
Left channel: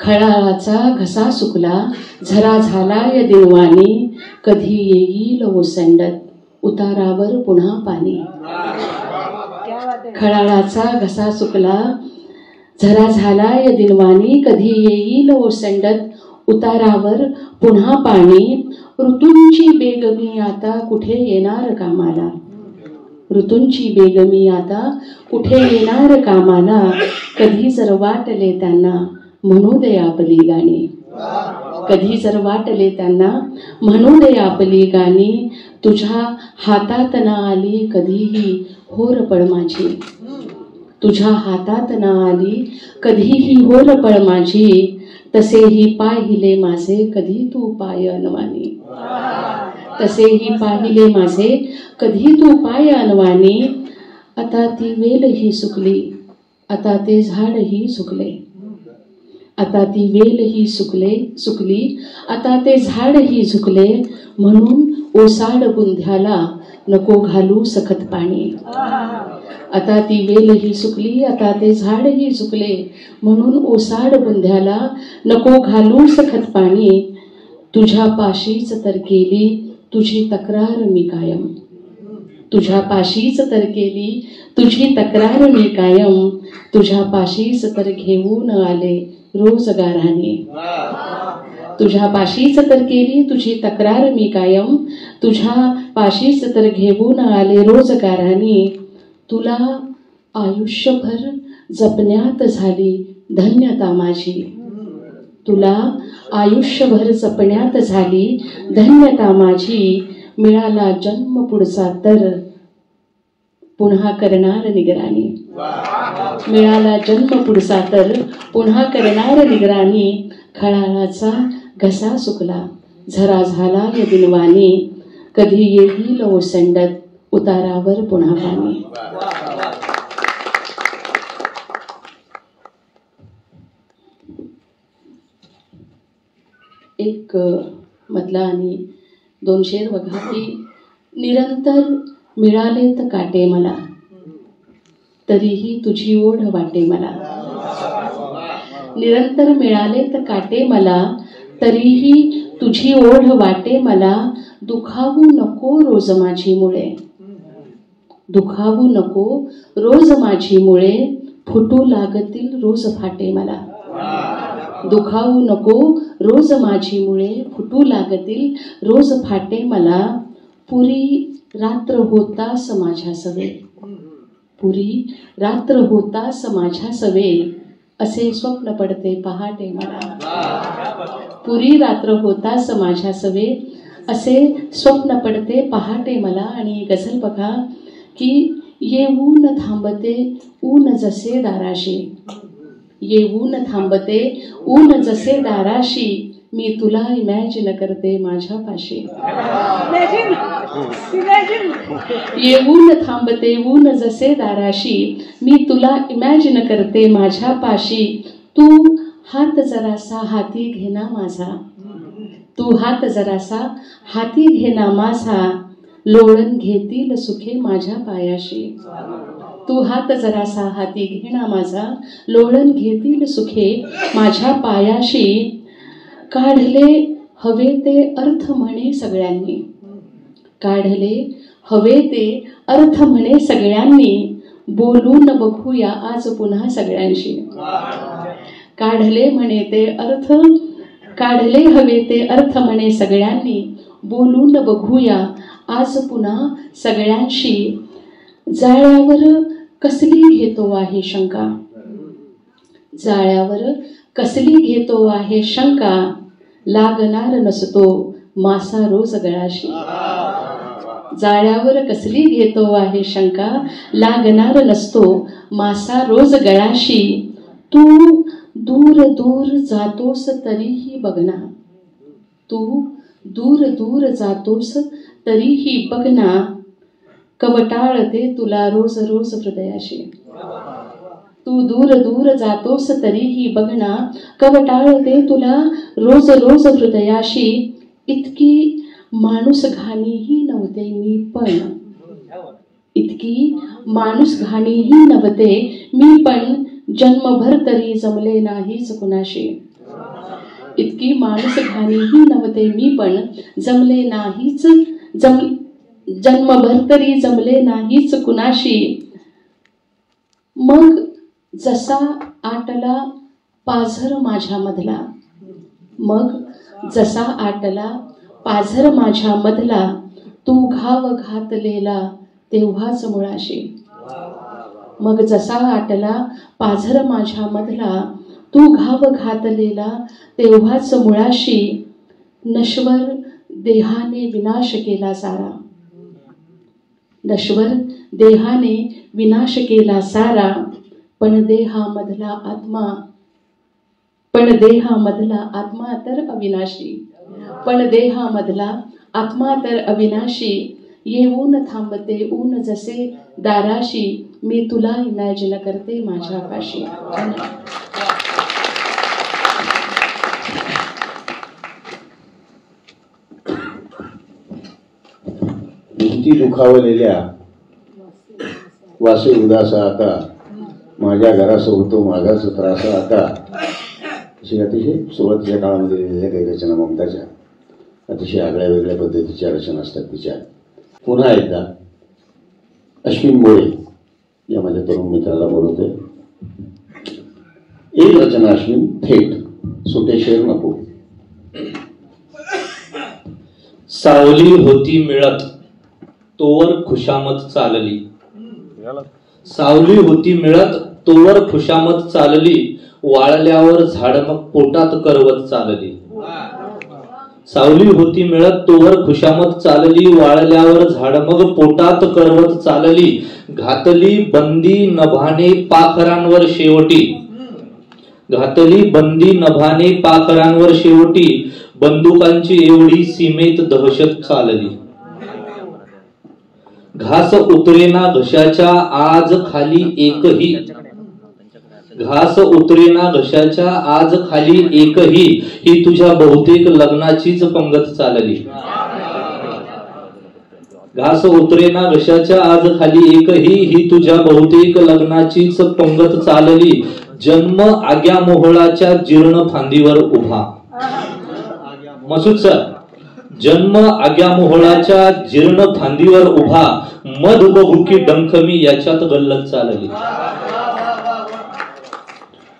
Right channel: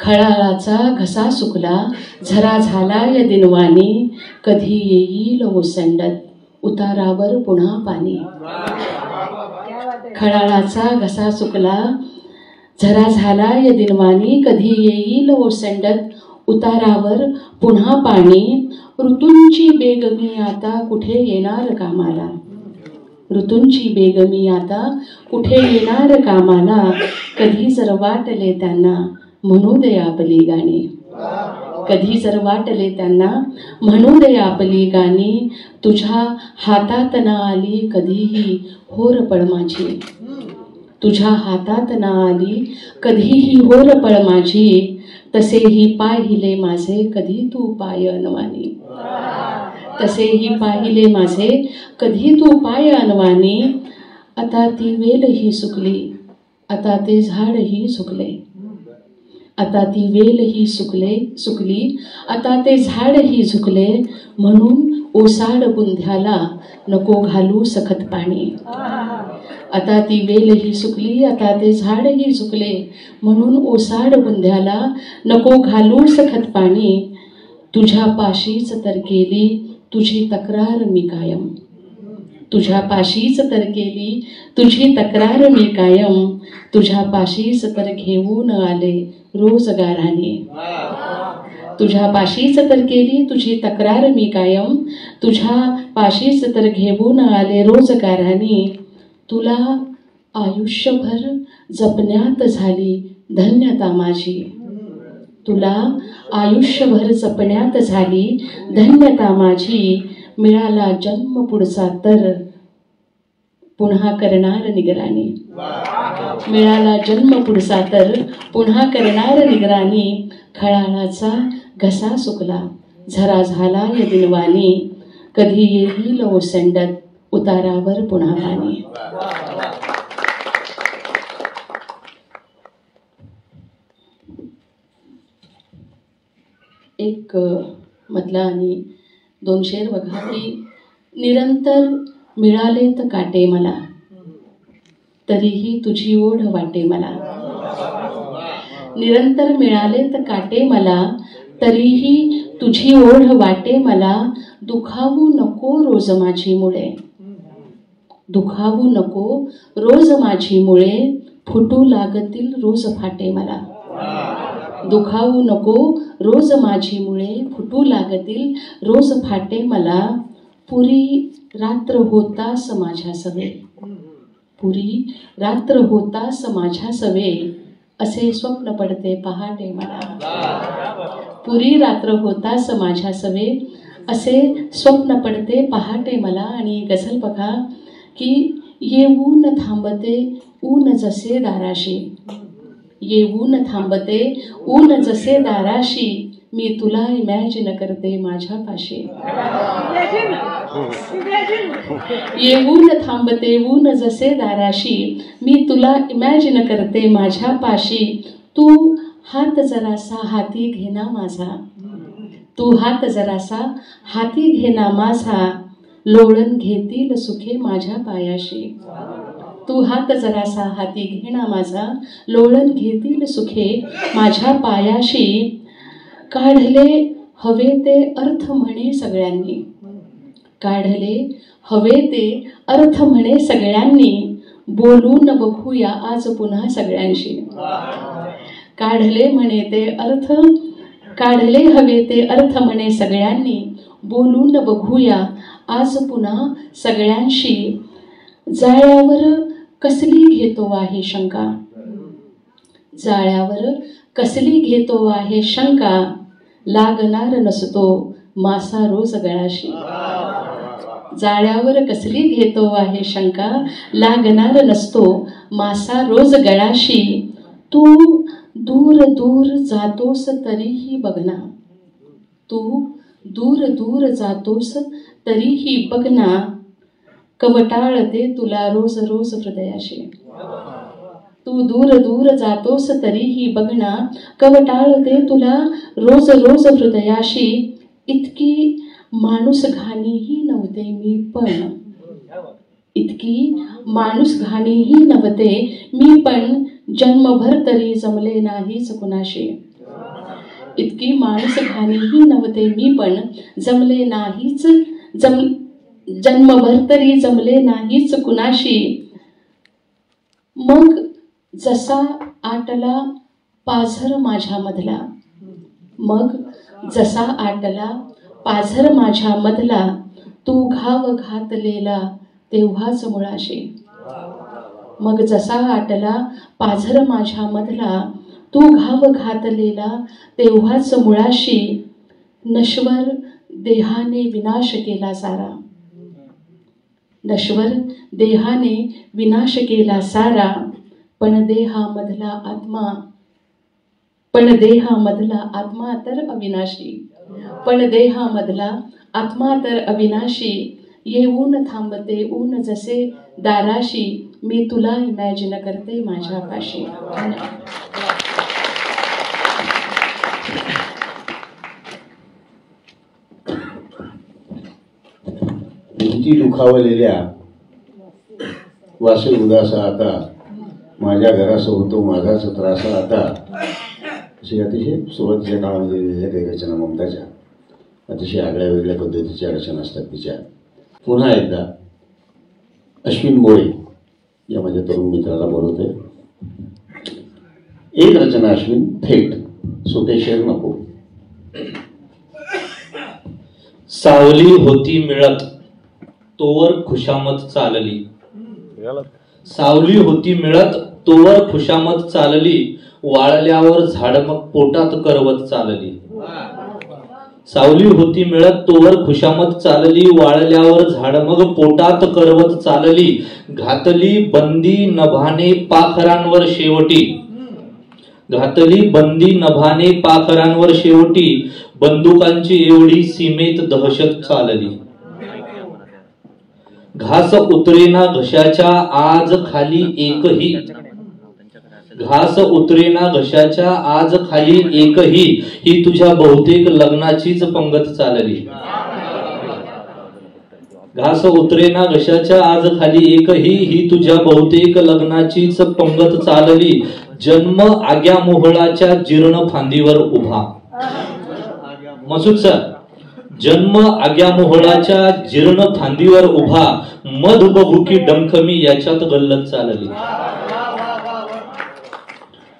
खळाळाचा घसा सुकला झरा झाला या दिनवानी, कधी येईल ओसंडत उतारावर पुन्हा पाणी. खळाळाचा घसा सुकला झरा झाला या दिनवानी, कधी येईल ओसंडत उतारावर पुन्हा पाणी. ऋतूंची बेगमी आता कुठे येणार कामाला, ऋतूंची बेगमी आता कुठे येणार कामाला, कधी जर वाटले त्यांना म्हणू दे आपली गाणी, कधी जर वाटले त्यांना म्हणू दे आपली गाणी. तुझ्या हातात ना आली कधीही होरपळ माझी, तुझ्या हातात ना आली कधीही होरपळ माझी, तसेही पाहिले माझे कधी तू पाय अनवानी, तसेही पाहिले माझे कधी तू पाय अनवानी. आता ती वेलही सुकली आता ते झाडही सुकले, आता ती वेलही सुकली आता ते झाडही झुकले, म्हणून ओसाड बुंध्याला नको घालू सखत पाणी. आता ती वेलही सुकली आता ते झाडही झुकले, म्हणून ओसाड बुंध्याला नको घालू सखत पाणी. तुझ्या पाशीच तर केली तुझी तक्रार मी कायम, तुझ्या पाशीच तर केली तुझी तक्रार मी कायम, तुझ्या पाशीच तर घेऊन आले रोजगाराने, तुझ्या पाशीच तर केली तुझी तक्रार मी कायम, तुझ्या पाशीच तर घेऊन आले रोजगाराने. तुला आयुष्यभर जपण्यात झाली धन्यता माझी, तुला आयुष्यभर जपण्यात झाली धन्यता माझी. मिळाला जन्म पुढचा तर पुन्हा करणार निगराणी, मिळाला जन्म पुढचा तर पुन्हा करणार निगराणी. खळाळाचा घसा सुकला झरा झाला या दिनवानी, कधी येईल ओसंडत उतारावर पुन्हा पाणी. एक मधला आणि 2 शेर बघा की निरंतर मिळालेत काटे मला, तरीही तुझी ओढ वाटे मला, निरंतर मिळालेत काटे मला, तरीही तुझी ओढ वाटे मला. दुखावू नको रोज माझी मुळे, दुखावू नको रोज माझी मुळे, फुटू लागतील रोज फाटे मला, दुखावू नको रोज माझी मुळे, फुटू लागतील रोज फाटे मला. पुरी रात्र होतास माझ्या सवे, पुरी रात्र होतास माझ्या सवे, असे स्वप्न पडते पहाटे मला. पुरी रात्र होतास माझ्या सवे, असे स्वप्न पडते पहाटे मला. आणि गझल बघा की येऊन थांबते ऊन जसे दाराशी, येऊन थांबते ऊन जसे दाराशी, मी तुला इमॅजिन करते माझ्या पाशी. येऊन थांबते ऊन जसे दाराशी, मी तुला इमॅजिन करते माझ्या पाशी. तू हात जरासा हाती घेना माझा, तू हात जरासा हाती घेना माझा, लोळण घेतील सुखे माझ्या पायाशी. तू हात जरासा हाती घेना माझा, लोळण घेतील सुखे माझ्या पायाशी. काढले हवे ते अर्थ म्हणे सगळ्यांनी, काढले हवे ते अर्थ म्हणे सगळ्यांनी, बोलून बघूया आज पुन्हा सगळ्यांशी. काढले म्हणे ते अर्थ, काढले हवे ते अर्थ म्हणे सगळ्यांनी, बोलून बघूया आज पुन्हा सगळ्यांशी. जाळ्यावर कसली घेतो आहे शंका, जाळ्यावर कसली घेतो आहे शंका, लागणार नसतो मासा रोज गळाशी. जाळ्यावर कसली घेतो आहे शंका, लागणार नसतो मासा रोज गळाशी. तू दूर दूर जातोस तरीही बघना, तू दूर दूर जातोस तरीही बघना, कवटाळते तुला रोज रोज हृदयाशी. तू दूर दूर जातोस तरीही बघना, कवटाळते तुला रोज रोज हृदयाशी. इतकी माणूस घाणीही नव्हते मी पण, इतकी माणूस घाणीही नव्हते मी पण, जन्मभर तरी जमले नाहीच कुणाशी. इतकी माणूस घाणीही नव्हते मी पण, जमले नाहीच जन्मभर तरी जमले नाहीच कुणाशी. मग जसा आटला पाझर माझ्या मधला, मग जसा आटला पाझर माझ्या मधला, तू घाव घातलेला तेव्हाच मुळाशी. मग जसा आटला पाझर माझ्या मधला, तू घाव घातलेला तेव्हाच मुळाशी. नश्वर देहाने विनाश केला सारा, नश्वर देहाने विनाश केला सारा, पण देहामधला आत्मा, पण देहामधला आत्मा तर अविनाशी, पण देहामधला आत्मा तर अविनाशी. येऊन थांबते ऊन जसे दाराशी, मी तुला इमॅजिन करते माझ्या पाशी. भिंती दुखावलेल्या वासे उदासा आता, माझ्या घरासह होतो माझाच त्रास आता. अशी अतिशय सुरुवातीच्या काळामध्ये लिहिलेल्या काही रचना ममताच्या अतिशय आगळ्या वेगळ्या पद्धतीच्या रचना असतात तिच्या. पुन्हा एकदा अश्विन मोरे या माझ्या तरुण मित्राला बोलवतोय. एक रचना अश्विन थेट, सुटेश्वर नको. सावली होती मिळत तोवर खुशामत चालली, सावली होती मिळत तोवर खुशामत चालली, वाळल्यावर झाड मग पोटात करवत चालली. सावली होती मिळत तोवर खुशामत चालली, वाळल्यावर झाड मग पोटात करवत चालली. घातली बंदी नभाने पाखरांवर शेवटी, घातली बंदी नभाने पाखरांवर शेवटी, बंदुकांची एवढी सीमेत दहशत चालली. घास उतरेना घशाच्या आज खाली एकही, घास उतरेना घशाच्या आज खाली एकही, ही तुझ्या बहुतेक लग्नाचीच पंगत चालली. घास उतरेना घशाच्या आज खाली एकही, ही तुझ्या बहुतेक लग्नाचीच पंगत चालली. जन्म आग्या मोहळाच्या जीर्ण फांदीवर उभा. मसूद सर, जन्म आग्या मोहळाच्या जीर्ण फांदीवर उभा, मध बघू की डंखमी याच्यात गल्लत चालली.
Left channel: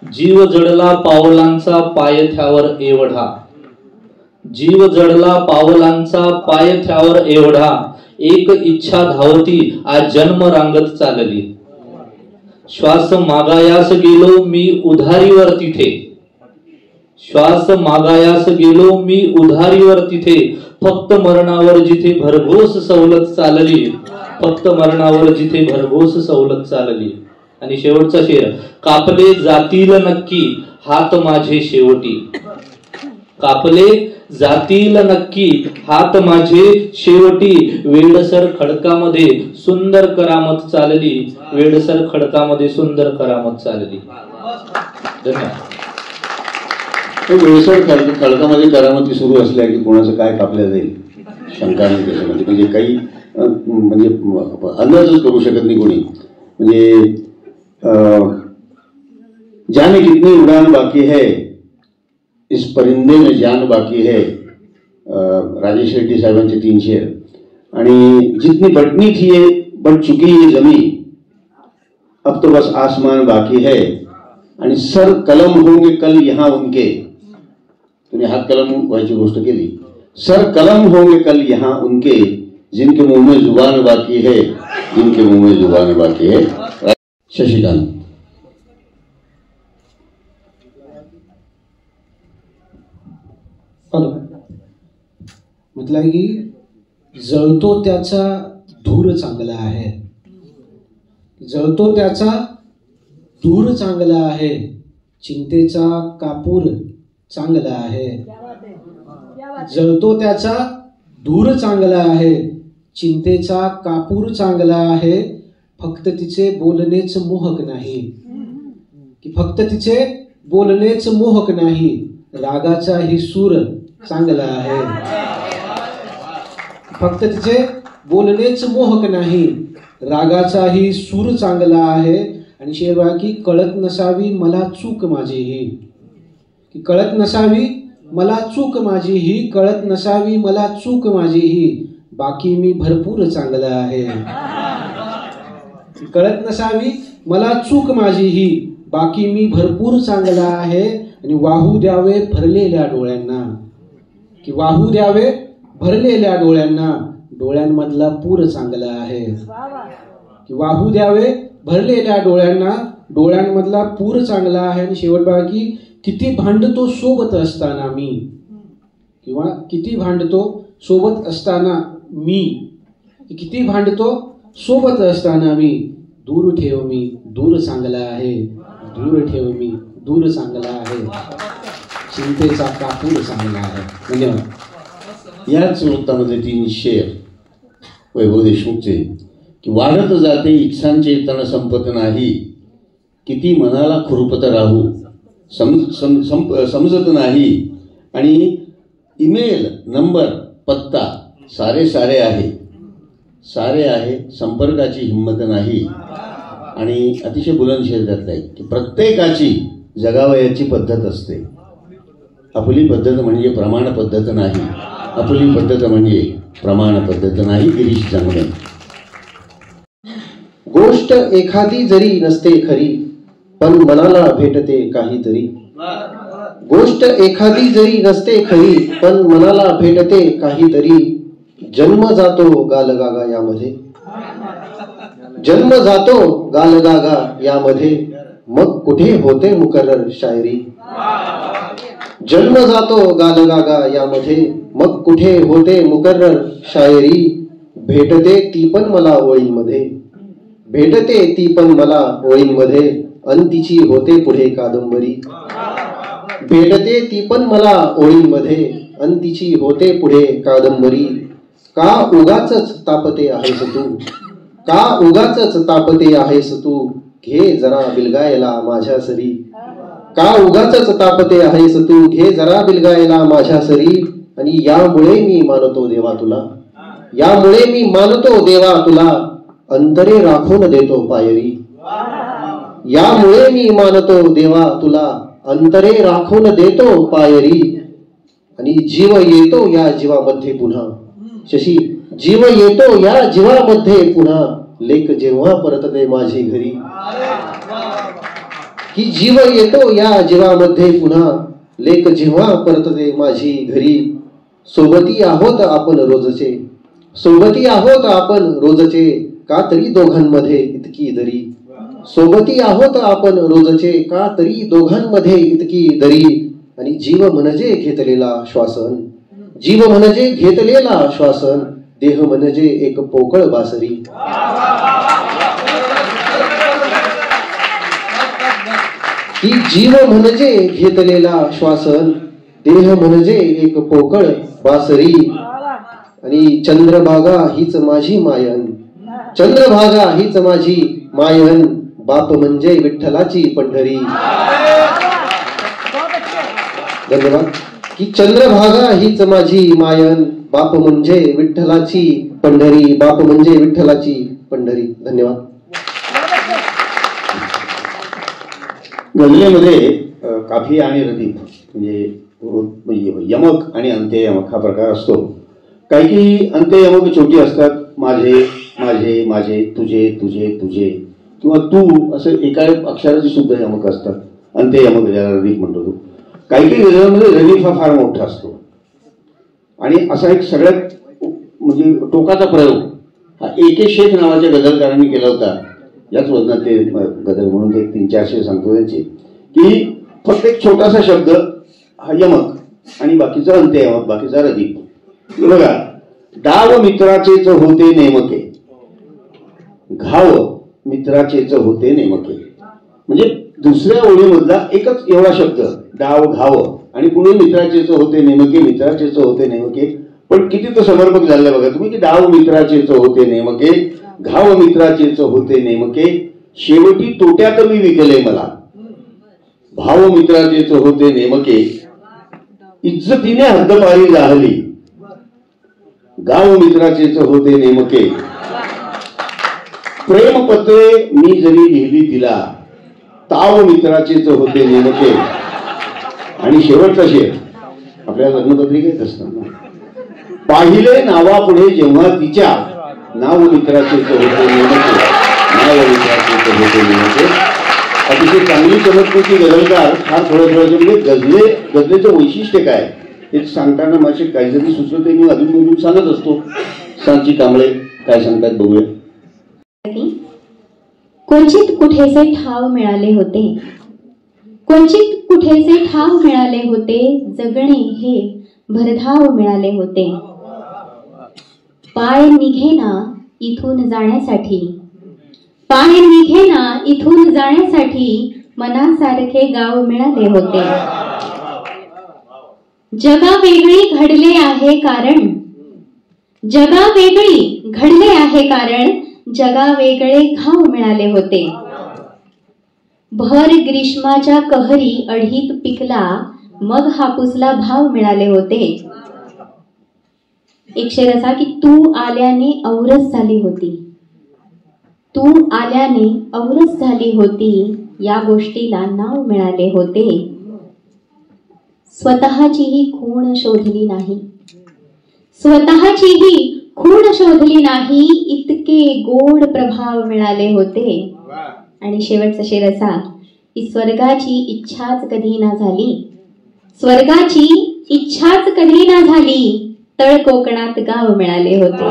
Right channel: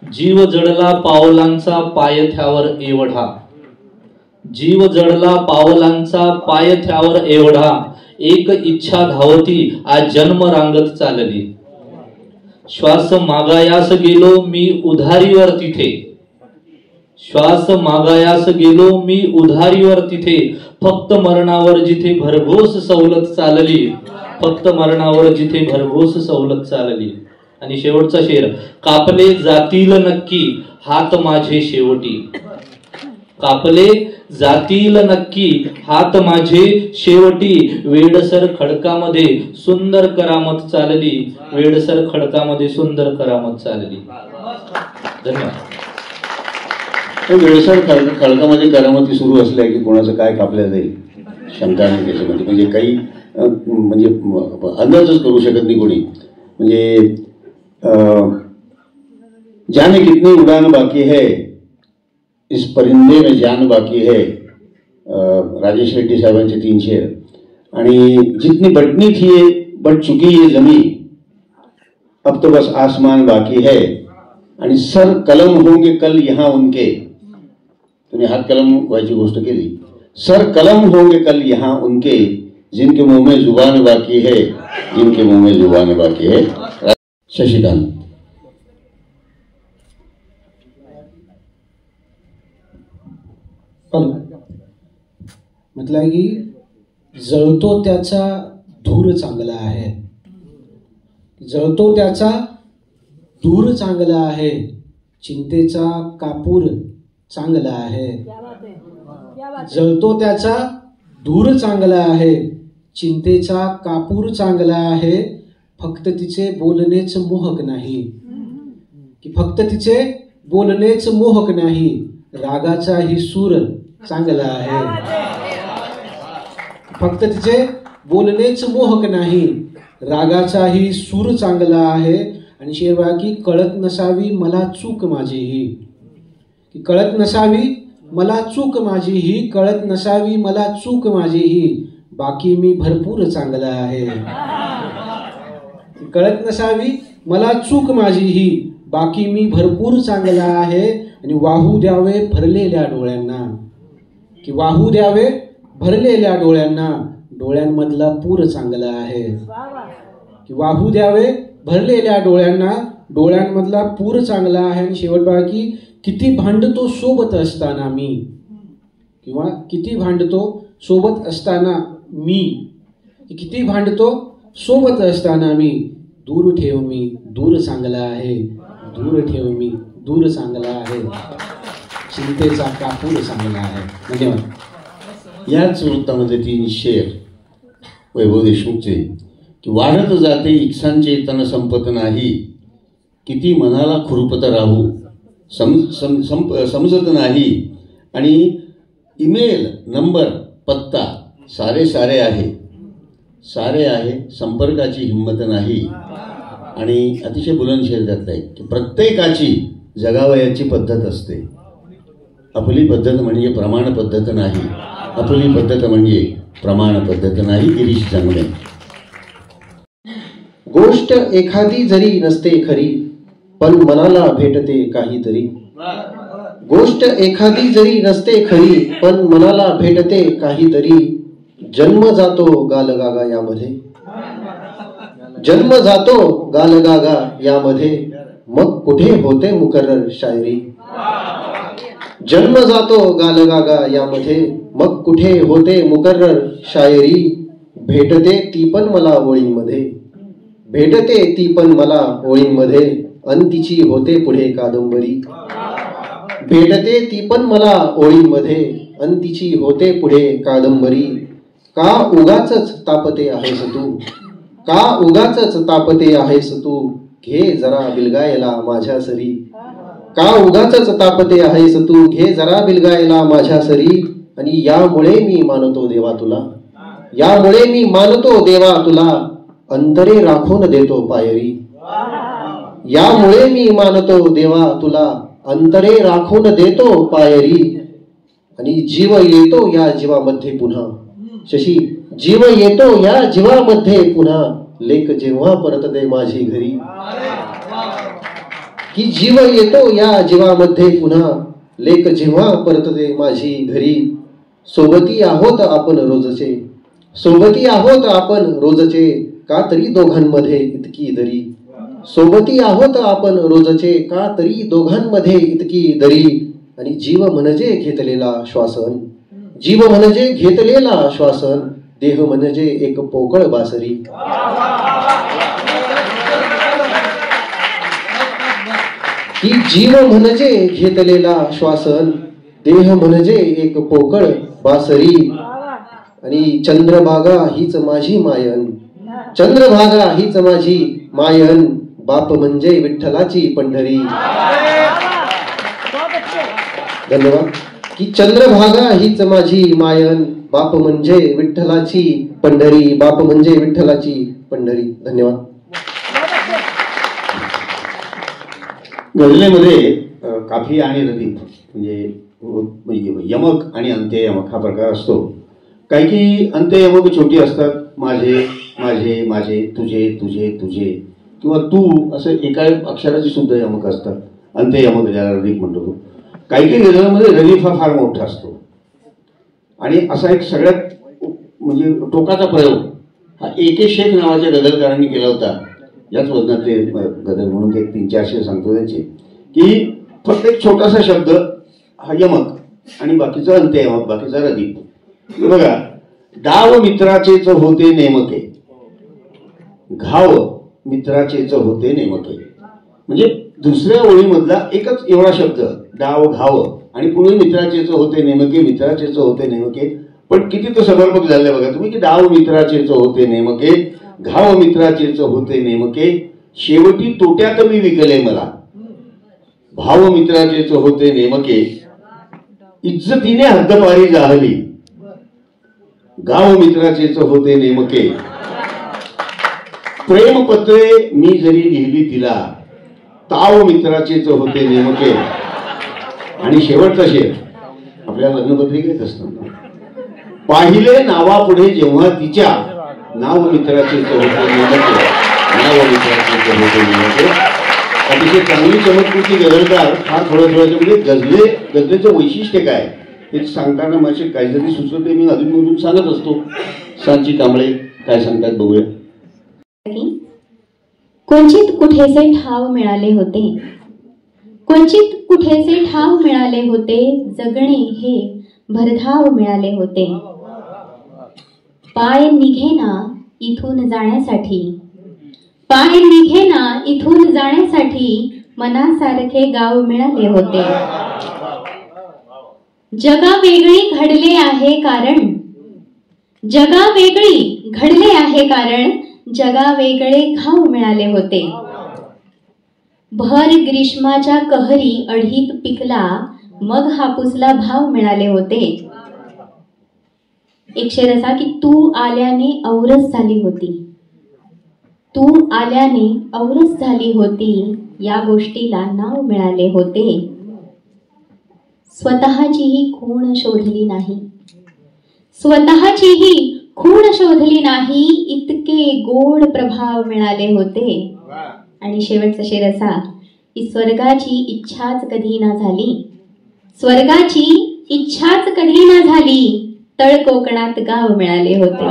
जीव जडला पावलांचा पाय थ्यावर एवढा, जीव जडला पावलांचा पाय थ्यावर एवढा, एक इच्छा धावती आज जन्म रांगत चालली, श्वास मागायास गेलो मी उधारीवर तिथे, श्वास मागायास गेलो मी उधारीवर तिथे, फक्त मरणावर जिथे भरघोस सवलत चालली, फक्त मरणावर जिथे भरघोस सवलत चालली. आणि शेवटचा शेर, कापले जातील नक्की हात माझे शेवटी, कापले जातील नक्की हात माझे शेवटी, वेडसर खडकामध्ये सुंदर करामत चालली, वेडसर खडकामध्ये सुंदर करामत चालली. धन्यवाद. वेळसर खडकामध्ये करामती सुरू असल्या की कोणाचं काय कापलं जाईल शंका नाही त्याच्यामध्ये, म्हणजे काही म्हणजे अंदाजच करू शकत नाही कोणी. म्हणजे जाने कितनी उड़ान बाकी है, इस परिंदे में जान बाकी है, राजेश रेड्डी साहेबांचे 3 शेर. आणि जितनी बटनी थी ये बट चुकी ये जमीन, अब तो बस आसमान बाकी है. आणि सर कलम होंगे कल यहाँ उनके, तुम्ही हात कलम व्हायची गोष्ट केली, सर कलम होंगे कल यहाँ उनके, जिनके मुंह में जुबान बाकी है, जिनके मुंह में जुबान बाकी है. शशिकांत. म्हटलंय की जळतो त्याचा धूर चांगला आहे, जळतो त्याचा धूर चांगला आहे, चिंतेचा कापूर चांगला आहे, जळतो त्याचा धूर चांगला आहे, चिंतेचा कापूर चांगला आहे, फक्त तिचे बोलणेच मोहक नाही, की फक्त तिचे बोलणेच मोहक नाही, रागाचाही सूर चांगला आहे, फक्त तिचे बोलणेच मोहक नाही, रागाचाही सूर चांगला आहे. आणि शेवटी की कळत नसावी मला चूक माझीही, की कळत नसावी मला चूक माझीही, कळत नसावी मला चूक माझीही, बाकी मी भरपूर चांगला आहे, कळत नसावी मला चूक माझीही, बाकी मी भरपूर चांगला आहे. आणि वाहू द्यावे भरलेल्या डोळ्यांना, की वाहू द्यावे भरलेल्या डोळ्यांना, डोळ्यांमधला पूर चांगला आहे, की वाहू द्यावे भरलेल्या डोळ्यांना, डोळ्यांमधला पूर चांगला आहे. आणि शेवट बघा की किती भांडतो सोबत असताना मी, किंवा किती भांडतो सोबत असताना मी, किती भांडतो सोबत असताना मी, दूर ठेव मी दूर चांगला आहे, दूर ठेव मी दूर चांगला आहे, चिंतेचा कापूर चांगला आहे. धन्यवाद. याच वृत्तामध्ये 3 शेर वैभव देशमुखचे, की वाढत जाते इच्छांचे तण संपत नाही, किती मनाला खुरपत राहू समजत नाही, आणि ईमेल नंबर पत्ता सारे सारे आहे, सारे आहे संपर्काची हिंमत नाही. आणि अतिशय बुलंद शेर त्यातला आहे की प्रत्येकाची जगावयाची पद्धत असते, आपली पद्धत म्हणजे प्रमाण पद्धत नाही, आपली पद्धत म्हणजे प्रमाण पद्धत नाही. गिरीश चांगले. गोष्ट एखादी जरी नसते खरी पण मनाला भेटते काहीतरी, गोष्ट एखादी जरी नसते खरी पण मनाला भेटते काहीतरी, जन्म जातो गालगागा यामध्ये, जन्म जातो गालगागा यामध्ये, मग कुठे होते मुकर्रर शायरी, जन्म जातो गालगागा यामध्ये, मग कुठे होते मुकर्रर शायरी, भेटते ती पण मला ओळींमध्ये, भेटते ती पण मला ओळींमध्ये, अन तिची होते पुढे कादंबरी, भेटते ती पण मला ओळींमध्ये, अन तिची होते पुढे कादंबरी. का उगाचच तापते आहेस तू, का उगाचच तापते आहेस तू, घे जरा बिलगायला माझ्या सरी, का उगाचच तापते आहेस तू, घे जरा बिलगायला माझ्या सरी. आणि यामुळे मी मानतो देवा तुला, यामुळे मी मानतो देवा तुला, अंतरे राखून देतो पायरी, यामुळे मी मानतो देवा तुला, अंतरे राखून देतो पायरी. आणि जीव येतो या जीवामध्ये पुन्हा, शशी जीव येतो या जीवामध्ये पुन्हा, लेक जेव्हा परतते माझी घरी, की जीव येतो या जीवामध्ये पुन्हा, लेक जेव्हा परतते माझी घरी, सोबती आहोत आपण रोजचे, सोबती आहोत आपण रोजचे, का तरी दोघांमध्ये इतकी दरी, सोबती आहोत आपण रोजचे, का तरी दोघांमध्ये इतकी दरी, आणि जीव म्हणजे घेतलेला श्वासन, जीव म्हणजे घेतलेला श्वासन, देह म्हणजे एक पोकळ बासरी. की जीव म्हणजे घेतलेला श्वासन, देह म्हणजे एक पोकळ बासरी, आणि चंद्रभागा हीच माझी मायन, चंद्रभागा हीच माझी मायन, बाप म्हणजे विठ्ठलाची पंढरी. धन्यवाद. की चंद्रभागा हीच माझी मायन, बाप म्हणजे विठ्ठलाची पंढरी, बाप म्हणजे विठ्ठलाची पंढरी. धन्यवाद. गझलेमध्ये काफी आणि रदीफ म्हणजे यमक आणि अंत्ययमक हा प्रकार असतो. काही अंत्ययमक छोटी असतात, माझे माझे माझे, तुझे तुझे तुझे, किंवा तू, असं एका अक्षराची सुद्धा यमक असतात, अंत्ययमक ज्याला रदीफ म्हणतो तो. काही गझलांमध्ये रदीफ हा फार मोठा असतो. आणि असा एक सगळ्यात म्हणजे टोकाचा प्रयोग हा AK शेख नावाच्या गझलकारांनी केला होता. याच वजनात ते गझल म्हणून ते 300-400 सांगतो त्यांचे, की फक्त एक छोटासा शब्द हा यमक आणि बाकीचा अंत्ययमक, बाकीचा रदीफ. बघा, डाव मित्राचेच होते नेमके, घाव मित्राचेच होते नेमके. म्हणजे दुसऱ्या ओळीमधला एकच एवढा शब्द डाव घाव, आणि पुणे मित्राचेच होते नेमके, मित्राचेच होते नेमके. पण किती तो समर्पक झालाय बघा तुम्ही, की डाव मित्राचेच होते नेमके, घाव मित्राचेच होते नेमके, शेवटी तोट्यात मी विकले मला, भाव मित्राचेच होते नेमके, इज्जतीने हद्दपारी जाहली, गाव मित्राचेच होते नेमके, प्रेमपत्रे मी जरी लिहिली तिला, ताव मित्राचेच होते नेमके. आणि शेवटचा शेर आपल्याला लग्नपत्रिकेत असतात, पाहिले नावापुढे जेव्हा तिच्या, नाव मित्राचेच होते नेमके, नाव मित्राचेच होते नेमके. अतिशय चांगली चमत्कृती गझलकार हा खरोखर म्हणजे गझलेचं वैशिष्ट्य काय हे सांगताना माझे काहीतरी सुचवते, मी अधून सांगत असतो. सांची कांबळे काय सांगतात बघूया. क्वचित कुठेसे ठाव मिळाले होते, क्वचित कुठेसे ठाव मिळाले होते, जगणे हे भरधाव मिळाले होते. पाय निघेना इथून जाण्यासाठी, पाय निघेना इथून जाण्यासाठी, मनासारखे गाव मिळाले होते. जगा वेगळी घडले आहे कारण, जगा वेगळी घडले आहे कारण, जगा वेगळे घाव मिळाले होते. भर ग्रीष्माच्या कहरी अढीत पिकला, मग हापूसला भाव मिळाले होते. एक शेर असा की तू आल्याने औरस झाली होती, तू आल्याने औरस झाली होती, या गोष्टीला नाव मिळाले होते. स्वतःचीही खूण शोधली नाही, स्वतःचीही खूण शोधली नाही, इतके गोड प्रभाव मिळाले होते. आणि शेवटचा शेर असा की स्वर्गाची इच्छाच कधी ना झाली, स्वर्गाची इच्छाच कधी ना झाली, तळ कोकणात गाव मिळाले होते.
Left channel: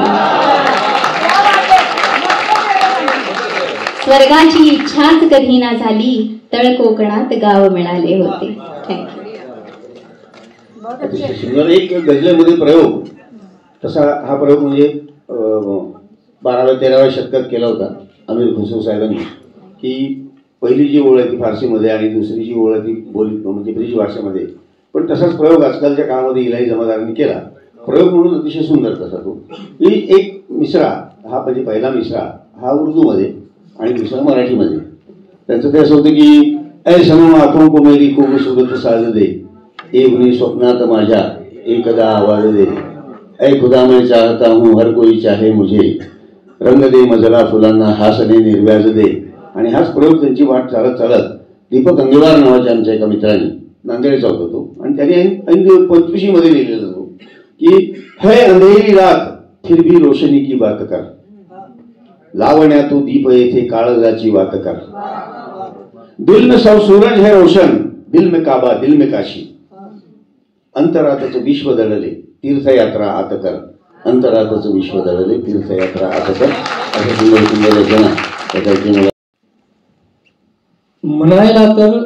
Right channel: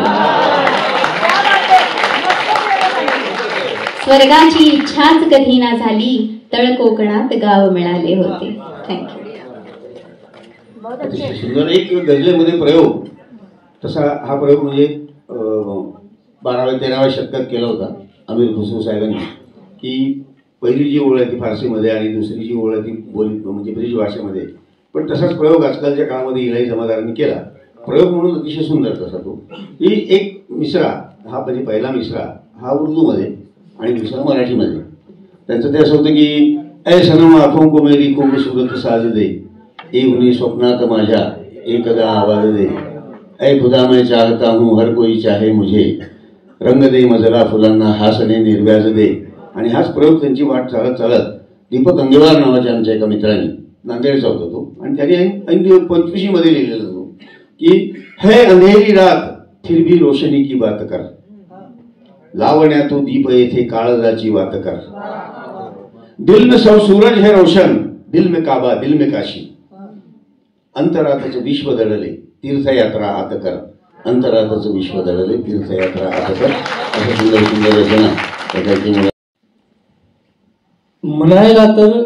स्वर्गाची इच्छाच कधी ना झाली, तळ कोकणात गाव मिळाले होते. सुंदर एक गझलेमध्ये प्रयोग, तसा हा प्रयोग म्हणजे 12व्या-13व्या शतकात केला होता अमीर खुसरो साहेबांनी. की पहिली जी ओळ आहे ती फारसीमध्ये आणि दुसरी जी ओळ आहे ती बोलीत म्हणजे ब्रिज भाषेमध्ये. पण तसाच प्रयोग आजकालच्या काळामध्ये इलाही जमादारांनी केला. प्रयोग म्हणून अतिशय सुंदर तसा तो. ही एक मिसरा हा म्हणजे पहिला मिसरा हा उर्दूमध्ये आणि दुसरा मराठीमध्ये. त्यांचं ते असं होतं की ऐ सनम आँखों को मेरी खूबसूरत साज दे, एक हुई स्वप्नात माझ्या एकदा आवाज दे, ऐ खुदा मैं चाहता हूँ हर कोई चाहे मुझे, रंग दे मजला फुलांना हासने निर्व्याज दे. आणि हाच प्रयोग त्यांची वाट चालत चालत दीपक अंगेवार नावाच्या आमच्या एका मित्राने, नांदेडचा होता तो, आणि त्याने 25 मध्ये लिहिलेला तो की है अंधेरी रात फिर भी रोशनी की बात कर, लावण्या तू दीप येथे काळजाची वात कर, दिल में सौ सूरज है रोशन, दिल में काबा दिल में काशी, अंतरातचं विश्व दळले तीर्थयात्रा आत कर, अंतरातचं विश्व दळले तीर्थयात्रा आत कर. असं सुंदर सुंदर रचना त्याची मला. म्हणायला तर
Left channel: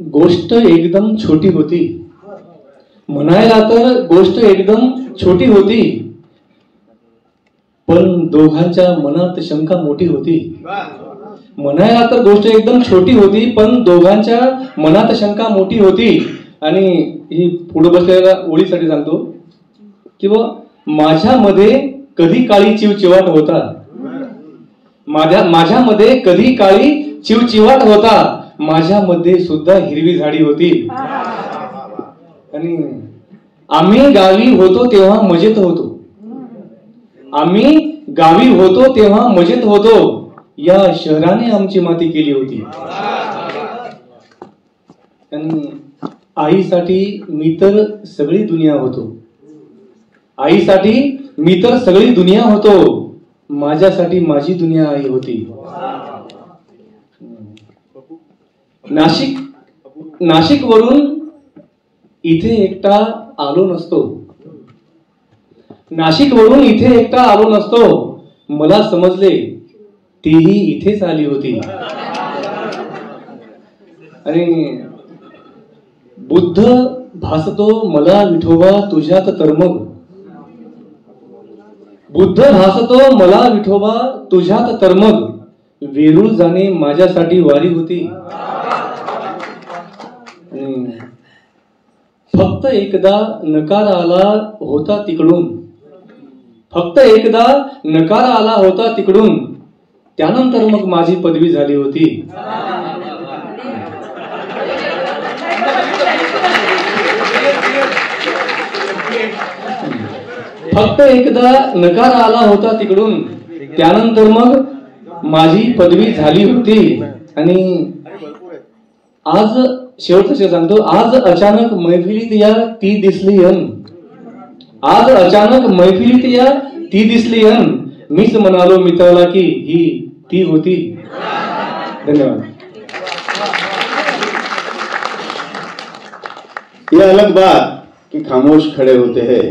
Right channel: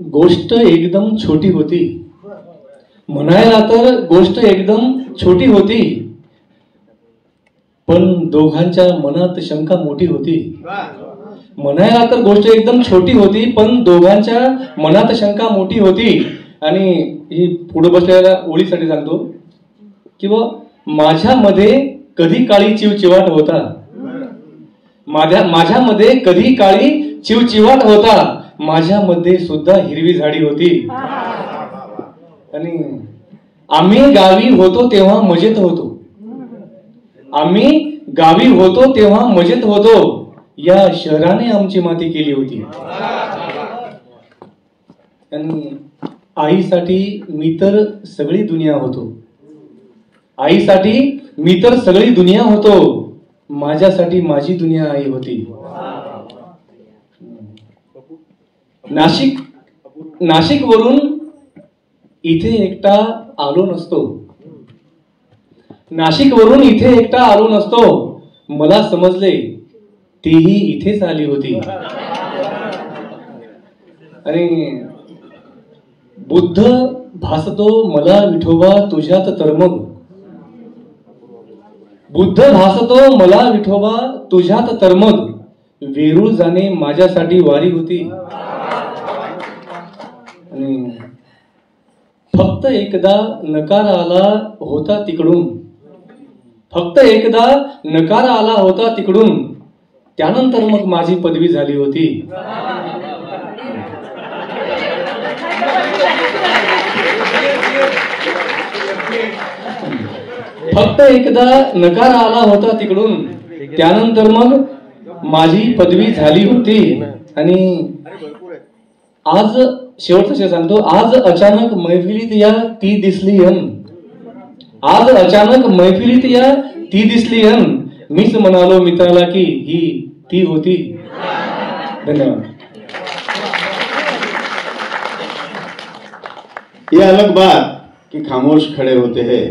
गोष्ट एकदम छोटी होती, म्हणायला तर गोष्ट एकदम छोटी होती, पण दोघांच्या मनात शंका मोठी होती. म्हणायला तर गोष्ट एकदम छोटी होती, पण दोघांच्या मनात शंका मोठी होती. आणि ही पुढे बसलेल्या ओळीसाठी सांगतो किंवा माझ्यामध्ये कधी काळी चिवचिवाट होता, माझ्यामध्ये कधी काळी चिवचिवाट होता, माझ्यामध्ये सुद्धा हिरवी झाडी होती. आणि आम्ही गावी होतो तेव्हा मजेत होतो, आम्ही गावी होतो तेव्हा मजेत होतो, या शहराने आमची माती केली होती. आणि आईसाठी मी तर सगळी दुनिया होतो, आईसाठी मी तर सगळी दुनिया होतो, माझ्यासाठी माझी दुनिया आई होती. नाशिक वरून इथे एकटा आलो नसतो, नाशिक वरून इथे एकटा आलो नसतो, मला समजले तीही इथेच आली होती. आणि बुद्ध भासतो मला विठोबा तुझ्यात तरमग, बुद्ध भासतो मला विठोबा तुझ्यात तरमग, वेरूळ जाणे माझ्यासाठी वारी होती. फक्त एकदा नकार आला होता तिकडून, फक्त एकदा नकार आला होता तिकडून, त्यानंतर मग माझी पदवी झाली होती. फक्त एकदा नकार आला होता तिकडून, त्यानंतर मग माझी पदवी झाली होती. आणि आज शेवटचं सांगतो, आज अचानक मैफिलीत या ती दिसली अन, आज अचानक मैफिलीत या ती दिसली अन, मीच म्हणालो मित्राला की ही ती होती. धन्यवाद. ये अलग बात कि खामोश खड़े होते हैं,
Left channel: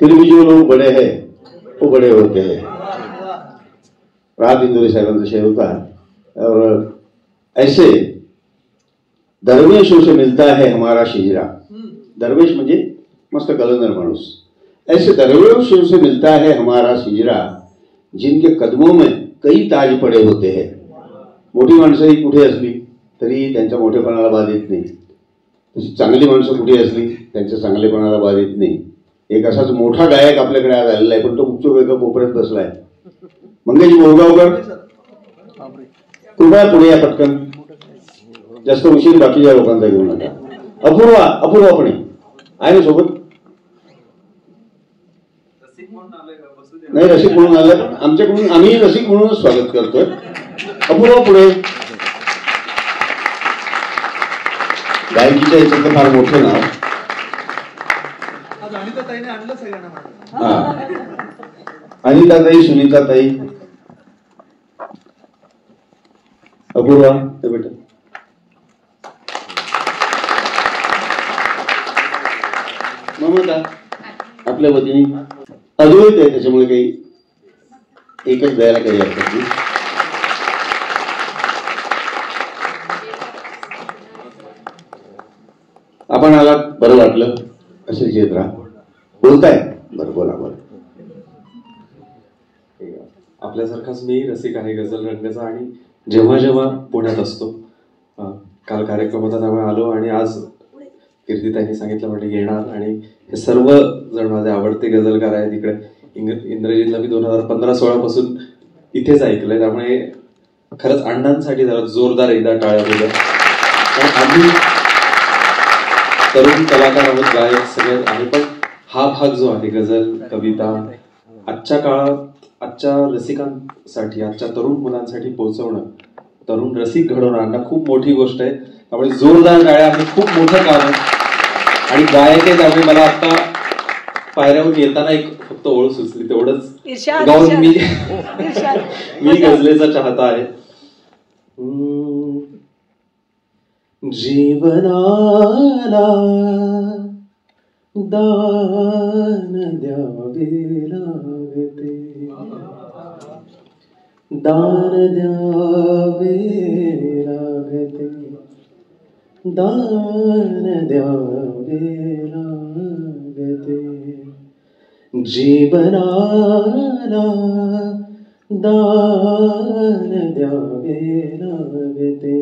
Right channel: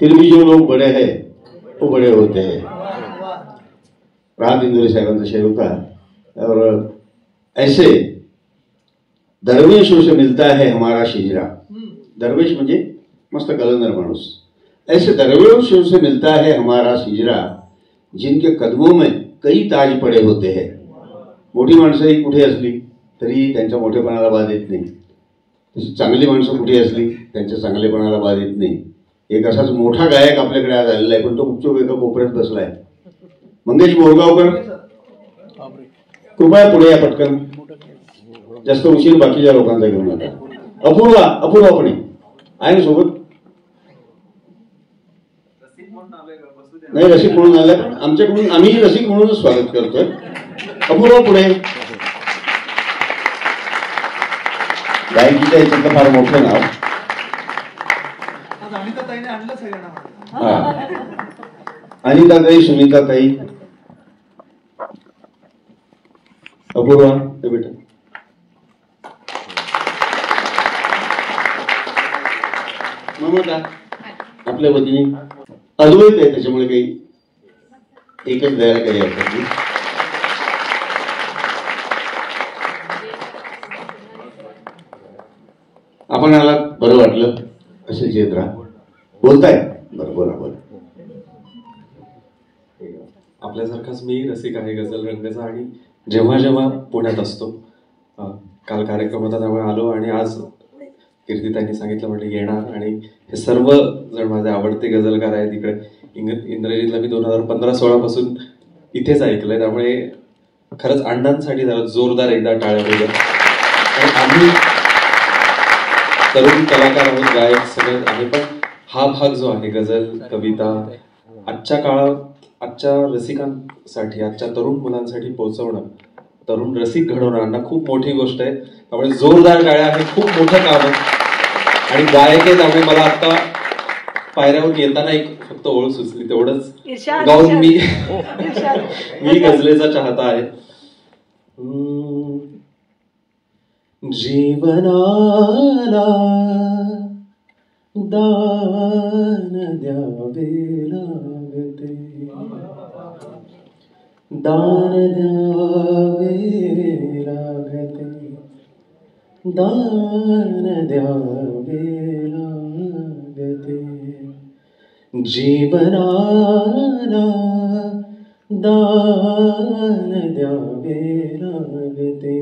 फिर भी जो लोग बड़े हैं वो बड़े होते हैं. रात इंदुरी साहेबांचा शेर होता. और ऐसे दरवेशों से मिलता है हमारा शिजरा, दरवेश म्हणजे मस्त कलंदर माणूस. ऐसे दरवेशों से मिलता है हमारा शिजरा, जिनके कदमों में कई ताज पडे होते हैं. मोठी माणसंही कुठे असली तरी त्यांच्या मोठेपणाला बाध येत नाही, तशी चांगली माणसं कुठे असली त्यांच्या चांगलेपणाला बाध येत नाही. एक असाच मोठा गायक आपल्याकडे आज आलेला आहे, पण तो गुपचूप एका कोपऱ्यात बसलाय. मंगेश बोरगावकर, कृपया पुढे या पटकन, जास्त उशीर बाकीच्या लोकांचा घेऊ नका. अपूर्वा पण आहे ना सोबत? नाही, रसिक म्हणून आलं आमच्याकडून, आम्ही रसिक म्हणूनच स्वागत करतोय. अपूर्वा पुढे. गायकीच्या याच्यातलं फार मोठं नाव. हा, अनिताताई, सुनीताताई, अपूर्वा बेटा. ममता आपल्या वतीने अद्वैत आहे, त्याच्यामुळे काही एकच द्यायला काही हरकत नाही. आपण आला बरं वाटलं, असे येत राहा. बोलताय? बरं, बोला बोला. आपल्यासारखाच मी रसिक आहे गझल रंगाचा, आणि जेव्हा जेव्हा पुण्यात असतो, काल कार्यक्रम होता त्यामुळे आलो, आणि आज कीर्तिताईंनी सांगितलं म्हणजे येणार. आणि हे सर्व जण माझे आवडते गझलकार आहेत. इकडे इंद्रजितला मी 2015-16 पासून इथेच ऐकलंय, त्यामुळे खरंच अण्णांसाठी जरा जोरदार एकदा टाळ्या दिल्या. आम्ही तरुण कलाकार आहोत, गायक सगळे आहे, पण हा भाग जो आहे गझल, कविता, आजच्या काळात आजच्या रसिकांसाठी, आजच्या तरुण मुलांसाठी पोहोचवणं, तरुण रसिक घडवणं खूप मोठी गोष्ट आहे. त्यामुळे जोरदार टाळ्या, हे खूप मोठं काम आहे. आणि गायक आहे, त्यामुळे मला आता पायऱ्यावर येताना एक फक्त ओळ सुचली, तेवढंच गाऊन मी गझलेचा चाहता आहे. जीवनाला दान द्यावे लागते, दान द्यावे लागते, दान द्यावे लागते. जीवनाला दान द्यावे लागते.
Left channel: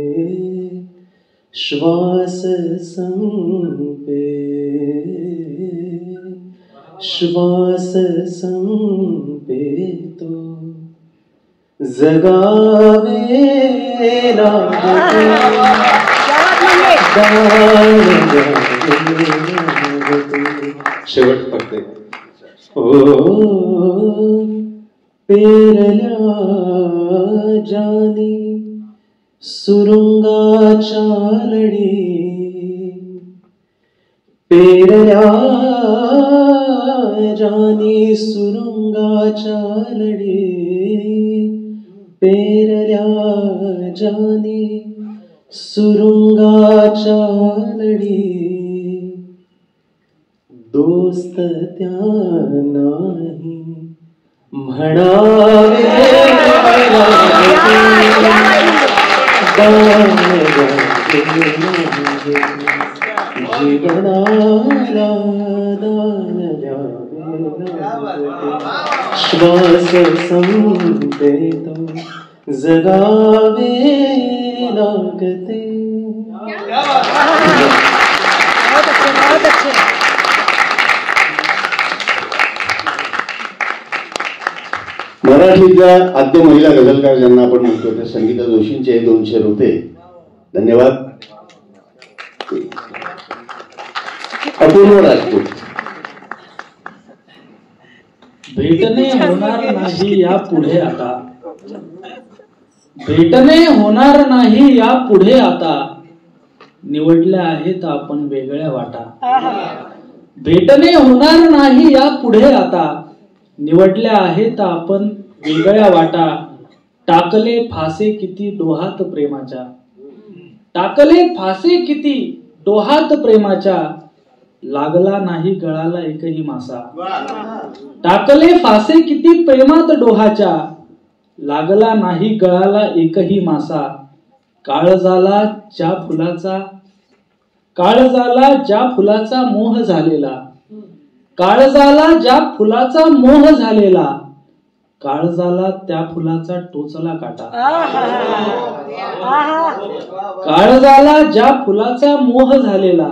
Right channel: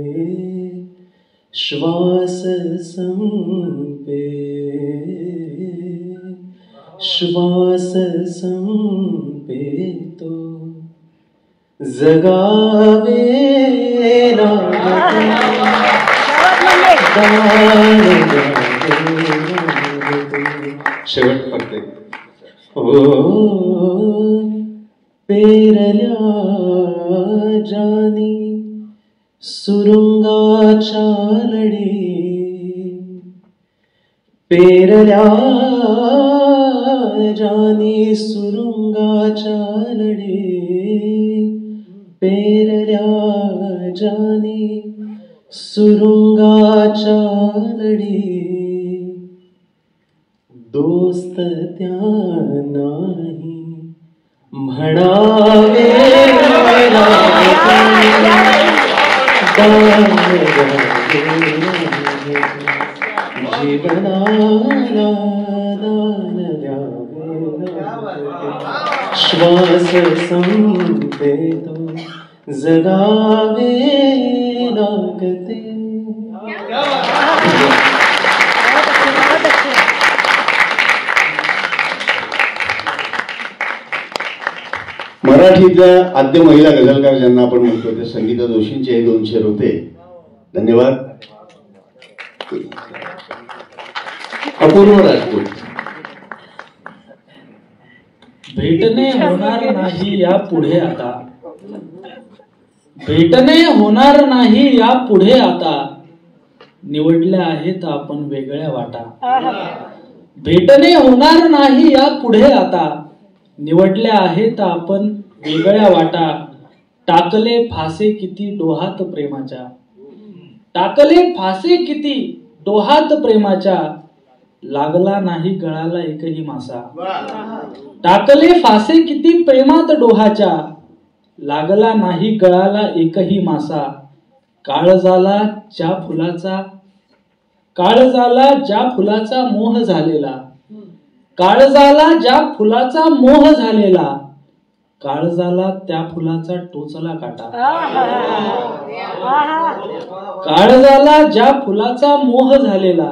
श्वास संपे, श्वास संपे तो जगावे लागते. शेवट करते. पेरल्या जानी सुरुंगाच्या लढी, पेरल्या जानी सुरुंगाच्या लढी, पेरल्या जानी सुरुंगाच्या लढी. दोस्त त्या नाही म्हणावे लागते. जीवनाला दान द्यावे लागते. श्वास संपे तो जगावे लागते. मराठीतल्या आद्य महिला गझलकार ज्यांना आपण म्हणतो ते संगीता जोशींचे हे 2 शेर होते. धन्यवाद. अपूर्व राजपूत. भेटणे होणार नाही या पुढे आता, भेटणे होणार नाही या पुढे आता, निवडल्या आहेत आपण वेगळ्या वाटा. भेटणे होणार नाही या पुढे आता, निवडल्या आहेत आपण वेगळ्या वाटा. टाकले फासे किती डोहात प्रेमाच्या, टाकले फासे किती डोहात प्रेमाच्या, लागला नाही गळाला एकही मासा. टाकले फासे किती प्रेमात डोहाच्या, लागला नाही गळाला एकही मासा. काळजाला ज्या फुलाचा, काळजाला ज्या फुलाचा मोह झालेला, काळजाला ज्या फुलाचा मोह झालेला, काळजाला त्या फुलाचा टोचला काटा. काळजाला ज्या फुलाचा मोह झालेला,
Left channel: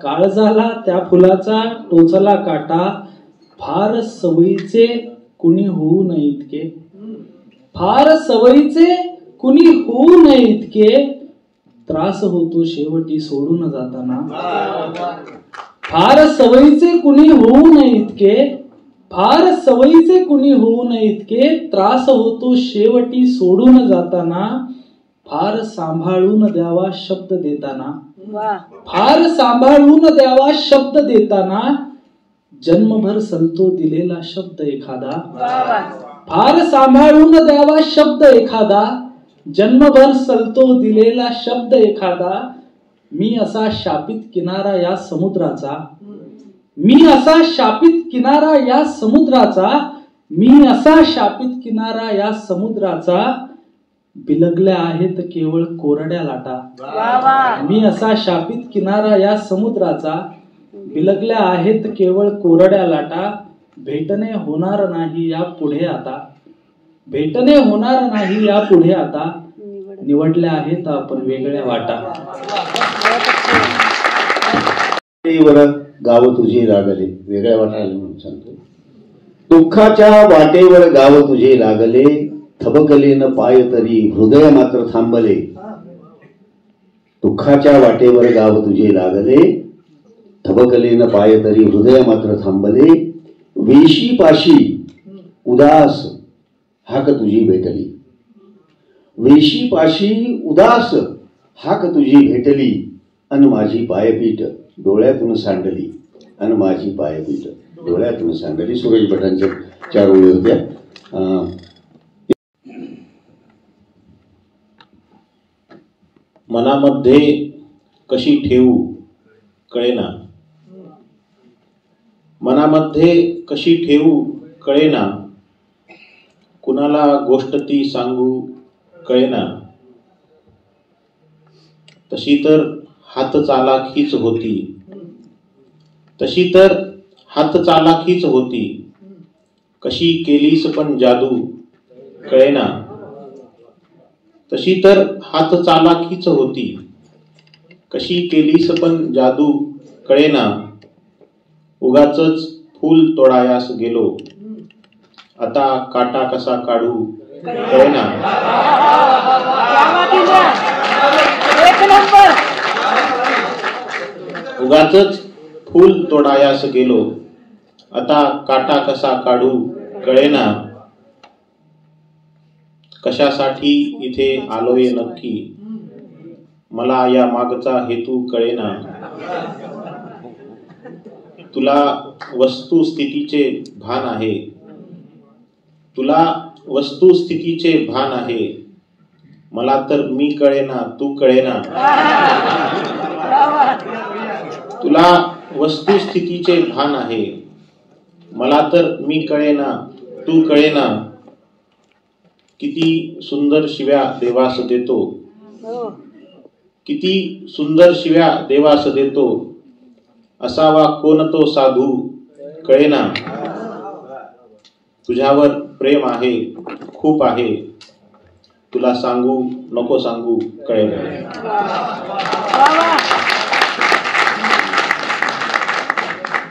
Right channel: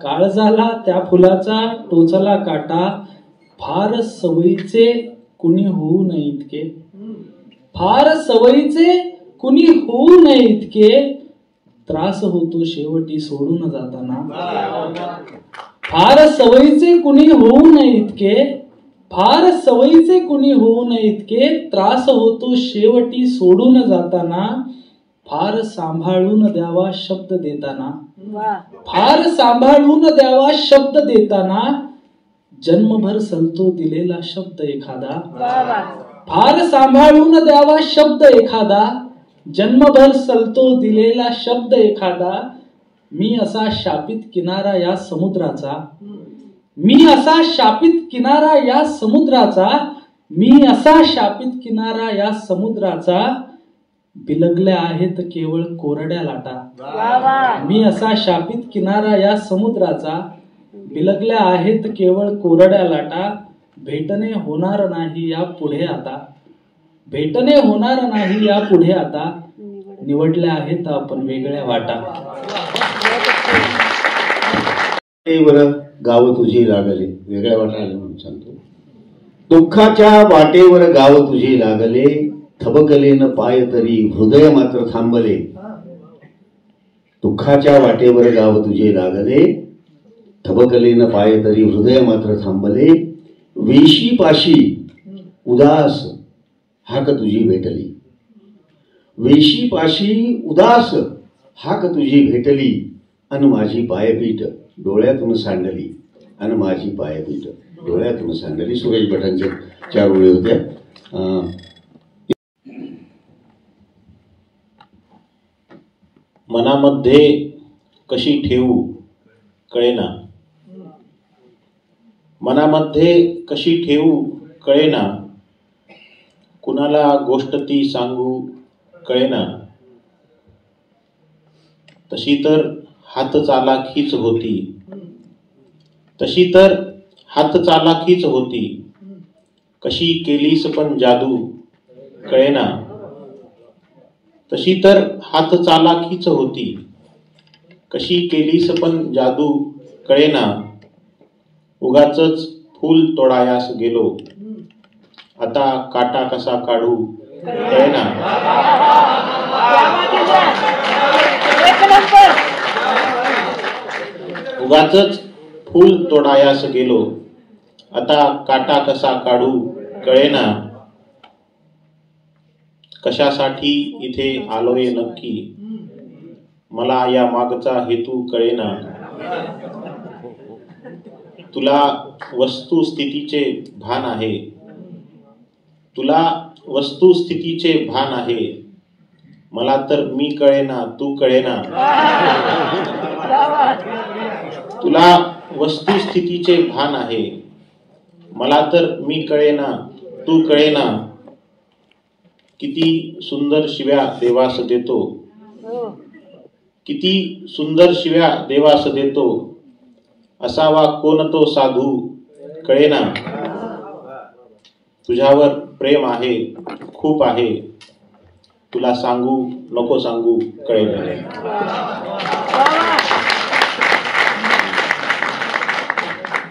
काळजाला त्या फुलाचा टोचला काटा. फार सवयीचे कुणी होऊ नये इतके, फार सवयीचे कुणी होऊ नये इतके, त्रास होतो शेवटी सोडून जाताना. फार सवयीचे कुणी होऊ नये इतके, फार सवयीचे कुणी होऊ नये इतके, त्रास होतो शेवटी सोडून जाताना. फार सांभाळून द्यावा शब्द देताना, फार सांभाळून द्यावा शब्द देताना, जन्मभर सलतो दिलेला शब्द एखादा. फार सांभाळून द्यावा शब्द एखादा, जन्मभर सलतो दिलेला शब्द एखादा. मी असा शापित किनारा या समुद्राचा, मी असा शापित किनारा या समुद्राचा, मी असा शापित किनारा या समुद्राचा. बिलगल्या आहेत केवळ कोरड्या लाटा, मी असा शापित किनारा या समुद्राचा, बिलगल्या आहेत केवळ कोरड्या लाटा. भेटणे होणार नाही या पुढे आता, भेटणे होणार नाही या पुढे आता, निवडल्या आहेत आपण वेगळ्या वाटा. गाव तुझी लागले, वेगळ्या वाटायला म्हणून सांगतो. दुःखाच्या वाटेवर गाव तुझे लागले, थबकले न पाय तरी हृदय मात्र थांबले. दुःखाच्या वाटेवर गाव तुझे लागले, थबकले न पाय तरी हृदय मात्र थांबले. वेशी पाशी उदास हाक तुझी भेटली, वेशी पाशी उदास हाक तुझी भेटली. अन माझी पायपीठ डोळ्यातून सांडली, अन माझी पायपीठ डोळ्यातून सांडली. सुरेश भटांच्या 4 ओळी होत्या. मनामध्ये कशी ठेवू कळेना, मनामध्ये कशी ठेवू कळेना, कुणाला गोष्ट ती सांगू कळेना, तशी तर हात चालाखीच होती, तशी तर हात चालाखीच होती, कशी केलीस पण जादू कळेना, तशी तर हात चालाखीच होती, कशी केलीस पण जादू कळेना, उगाचच फूल तोडायास गेलो, आता काटा कसा काढू कळेना, उगाचच फूल तोडायास गेलो, आता काटा कसा काढू कळेना, कशासाठी इथे आलोय नक्की, मला या मागचा हेतू कळेना, तुला वस्तुस्थितीचे भान आहे, तुला वस्तुस्थितीचे भान आहे, मला तर मी कळेना तू कळेना, तुला वस्तुस्थितीचे भान आहे, मला तर मी कळेना तू कळेना, किती सुंदर शिव्या देवास देतो, किती सुंदर शिव्या देवास देतो, असावा कोण तो साधू कळेना, तुझ्यावर प्रेम आहे खूप आहे, तुला सांगू नको सांगू कळेना.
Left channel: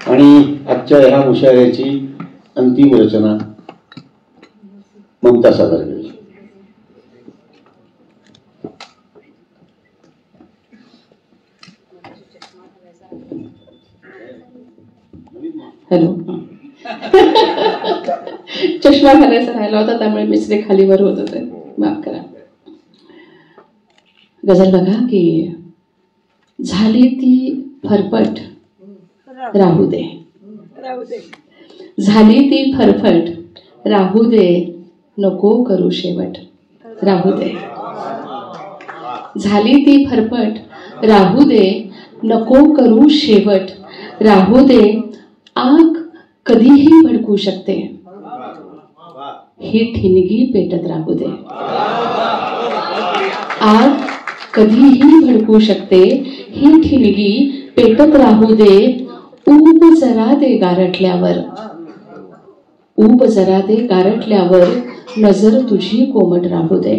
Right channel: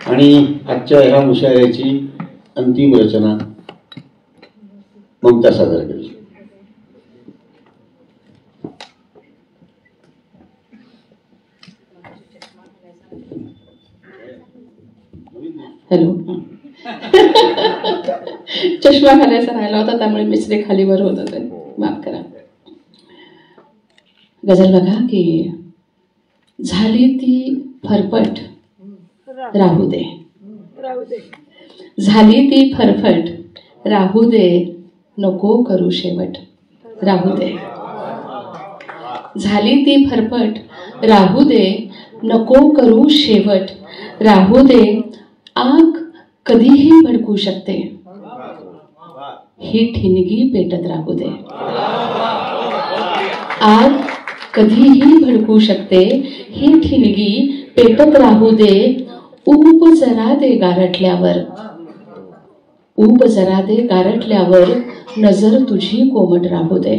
आणि आजच्या ह्या मुशायऱ्याची अंतिम रचना ममता सादर केली. हॅलो. चष्मा घालायचा राहिला होता त्यामुळे मिसरे खाली वर होत होते, माफ करा. गझल बघा की झाली ती फरफट राहू दे, झाली ती फरफट राहू दे, नको करू शेवट राहू दे, झाली ती फरफट राहू दे, नको करू शेवट राहू दे, आग कधीही भडकू शकते, ही ठिणगी पेटत राहू दे, आग कधीही भडकू शकते, ही ठिणगी पेटत राहू दे, ऊब जरा दे गारठल्यावर, ऊब जरा दे गारठल्यावर, नजर तुझी कोमट राहू दे,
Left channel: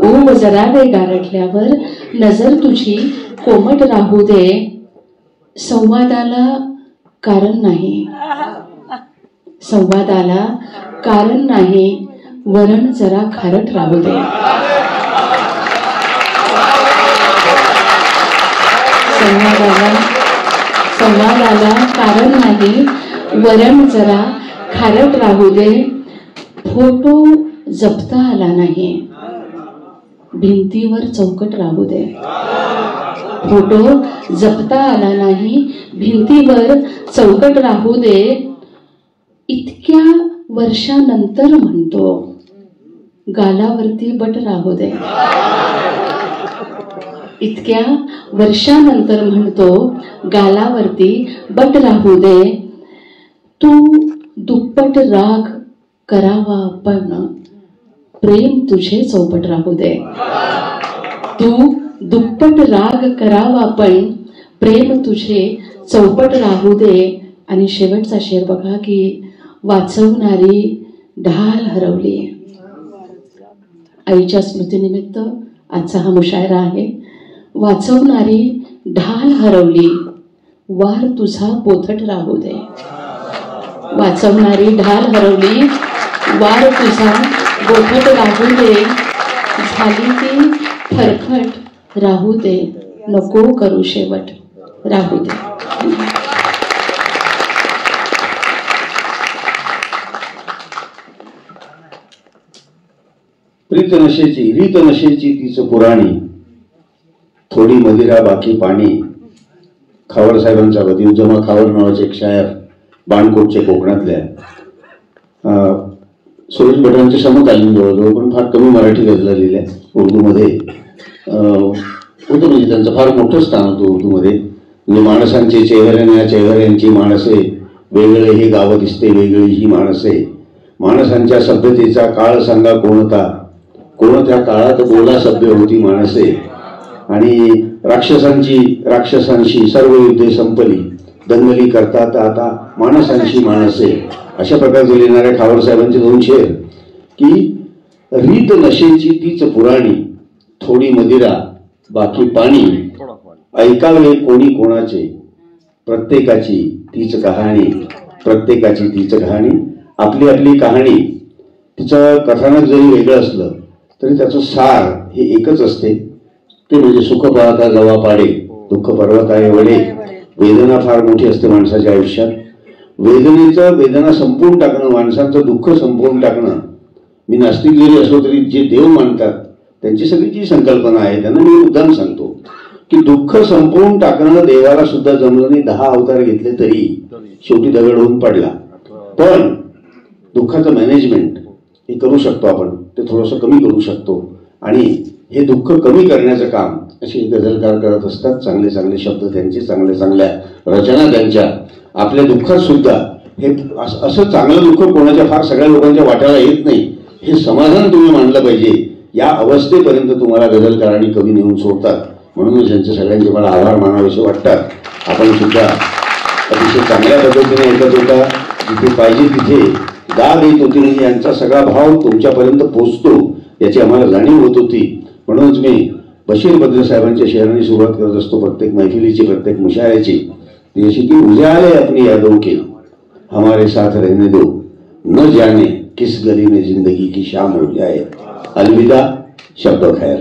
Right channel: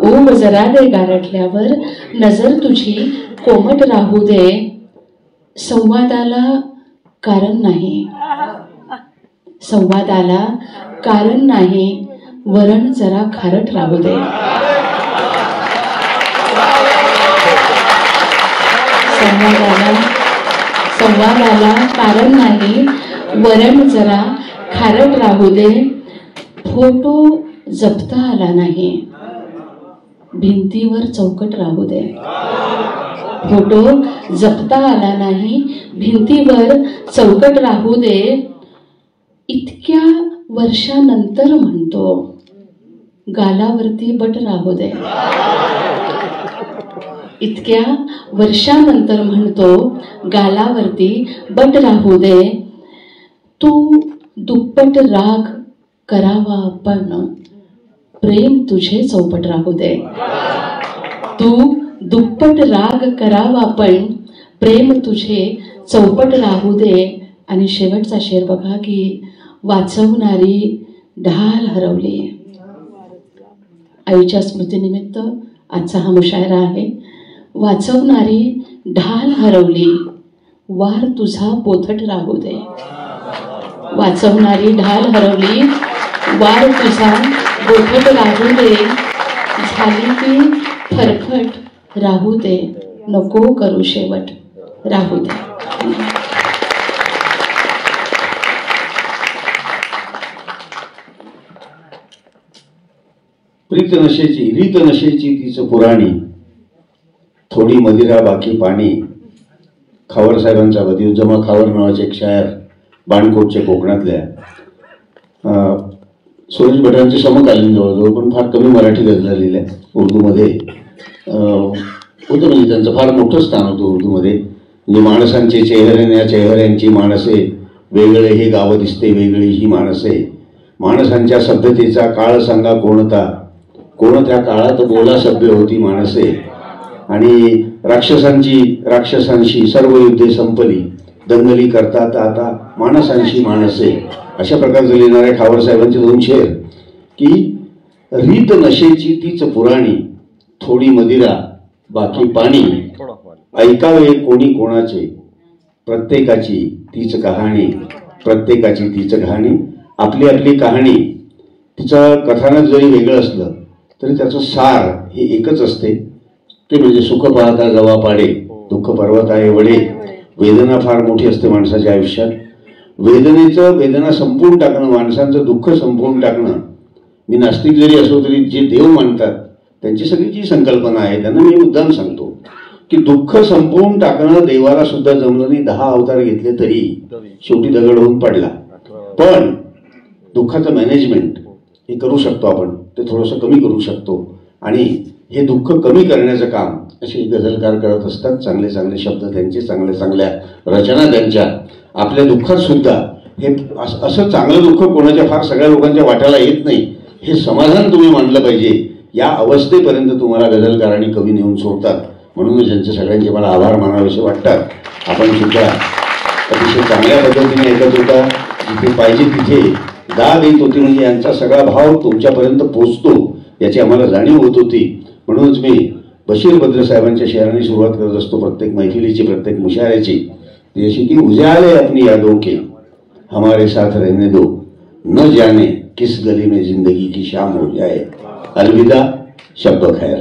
ऊब जरा दे गारठल्यावर, नजर तुझी कोमट राहू दे, संवादाला कारण नाही, संवादाला कारण नाही, वरण जरा खारट राहू दे, संवादाला कारण नाही, वरण जरा खारट राहू दे, फोटो जपता आला नाही, भिंतीवर चौकट राहू दे, फोटो जपता आला नाही, भिंतीवर चौकट राहू दे, इतक्या वर्षानंतर म्हणतो गालावरती बट राहू दे, इतक्या वर्षानंतर म्हणतो गालावरती बट राहू दे, तू दुप्पट राग करावा पण प्रेम तुझे चौपट राहू दे, तू दुप्पट राग करावा पण प्रेम तुझे चौपट राहू दे. आणि शेवटचा शेर बघा की वाचवणारी ढाल हरवली. आईच्या स्मृतीनिमित्त आजचा हा मुशायरा आहे. वाचवणारी ढाल हरवली, वार तुझा पोथट राहू दे, वाचवणारी ढाल हरवली, वार तुझा बोथट राहू दे, झाली ती फरफट राहू दे, नको करू शेवट राहू दे. प्रीत नशेची रीत नशेची तीच पुराणी, थोडी मदिरा बाकी पाणी. खावर साहेबांचा वदिउज्जमा खावर नावाचे एक शायर बाणकोटच्या कोकणातल्या, सुरेश भटांचे समकालीन जवळजवळ, पण फार कमी मराठी गझला लिहिल्या उर्दूमध्ये. होतं, म्हणजे त्यांचं फार मोठं स्थान होतं उर्दूमध्ये. म्हणजे माणसांचे चेहऱ्याने चेहऱ्यांची माणसे, वेगळे हे गाव दिसते वेगळी ही माणसे, माणसांच्या सभ्यतेचा काळ सांगा कोणता, कोणत्या काळात बोला सभ्य होती माणसे, आणि राक्षसांशी सर्व युद्धे संपली, दंगली करतात आता माणसांशी माणसे. अशा प्रकारचे लिहिणाऱ्या खावर साहेबांचे 2 शेर की रीत नशेची तीच पुराणी, थोडी मदिरा बाकी पाणी, ऐकावे कोणी कोणाचे, प्रत्येकाची तीच कहाणी, प्रत्येकाची तीच कहाणी. आपली आपली कहाणी, तिचं कथानक जरी वेगळं असलं तरी त्याचं सार हे एकच असते, ते म्हणजे सुख पाहता जवा पाडे, दुःख पर्वत आहे वडे. वेदना फार मोठी असते माणसाच्या आयुष्यात. वेदना संपवून टाकणं, माणसांचं दुःख संपवून टाकणं. मी नास्तिक जरी असलो तरी जे देव मानतात त्यांची सगळी जी संकल्पना आहे त्यांना मी मुद्दाम सांगतो की दुःख संपवून टाकणं देवाला सुद्धा जमलं नाही. 10 अवतार घेतले तरी शेवटी दगड होऊन पडला. पण दुःखाचं मॅनेजमेंट हे करू शकतो आपण, ते थोडंसं कमी करू शकतो, आणि हे दुःख कमी करण्याचं काम असे गझलकार करत असतात. चांगले चांगले शब्द त्यांचे, चांगल्या चांगल्या रचना त्यांच्या. आपल्या दुःखात सुद्धा हे असं चांगलं दुःख कोणाच्या फार सगळ्या लोकांच्या वाटायला येत नाही, हे समाधान तुम्ही मानलं पाहिजे. या अवस्थेपर्यंत तुम्हाला गझलकारांनी कवी नेऊन सोडतात. म्हणून त्यांचे सगळ्यांचे मला आभार मानावेसे वाटतात. आपण सुद्धा अतिशय चांगल्या पद्धतीने ऐकत होता, जिथे पाहिजे तिथे दाद येत होती, म्हणजे यांचा सगळा भाव तुमच्यापर्यंत पोहोचतो याची आम्हाला जाणीव होत होती. म्हणूनच मी बशीर बद्र साहेबांच्या शेअरांनी सुरुवात करत असतो प्रत्येक मैफिलीची, प्रत्येक मुशायऱ्याची. जैसे कि उजाले अपनी यादों के हमारे साथ रहने दो, न जाने किस गली में जिंदगी की शाम हो जाए. अलविदा, शब्द खैर.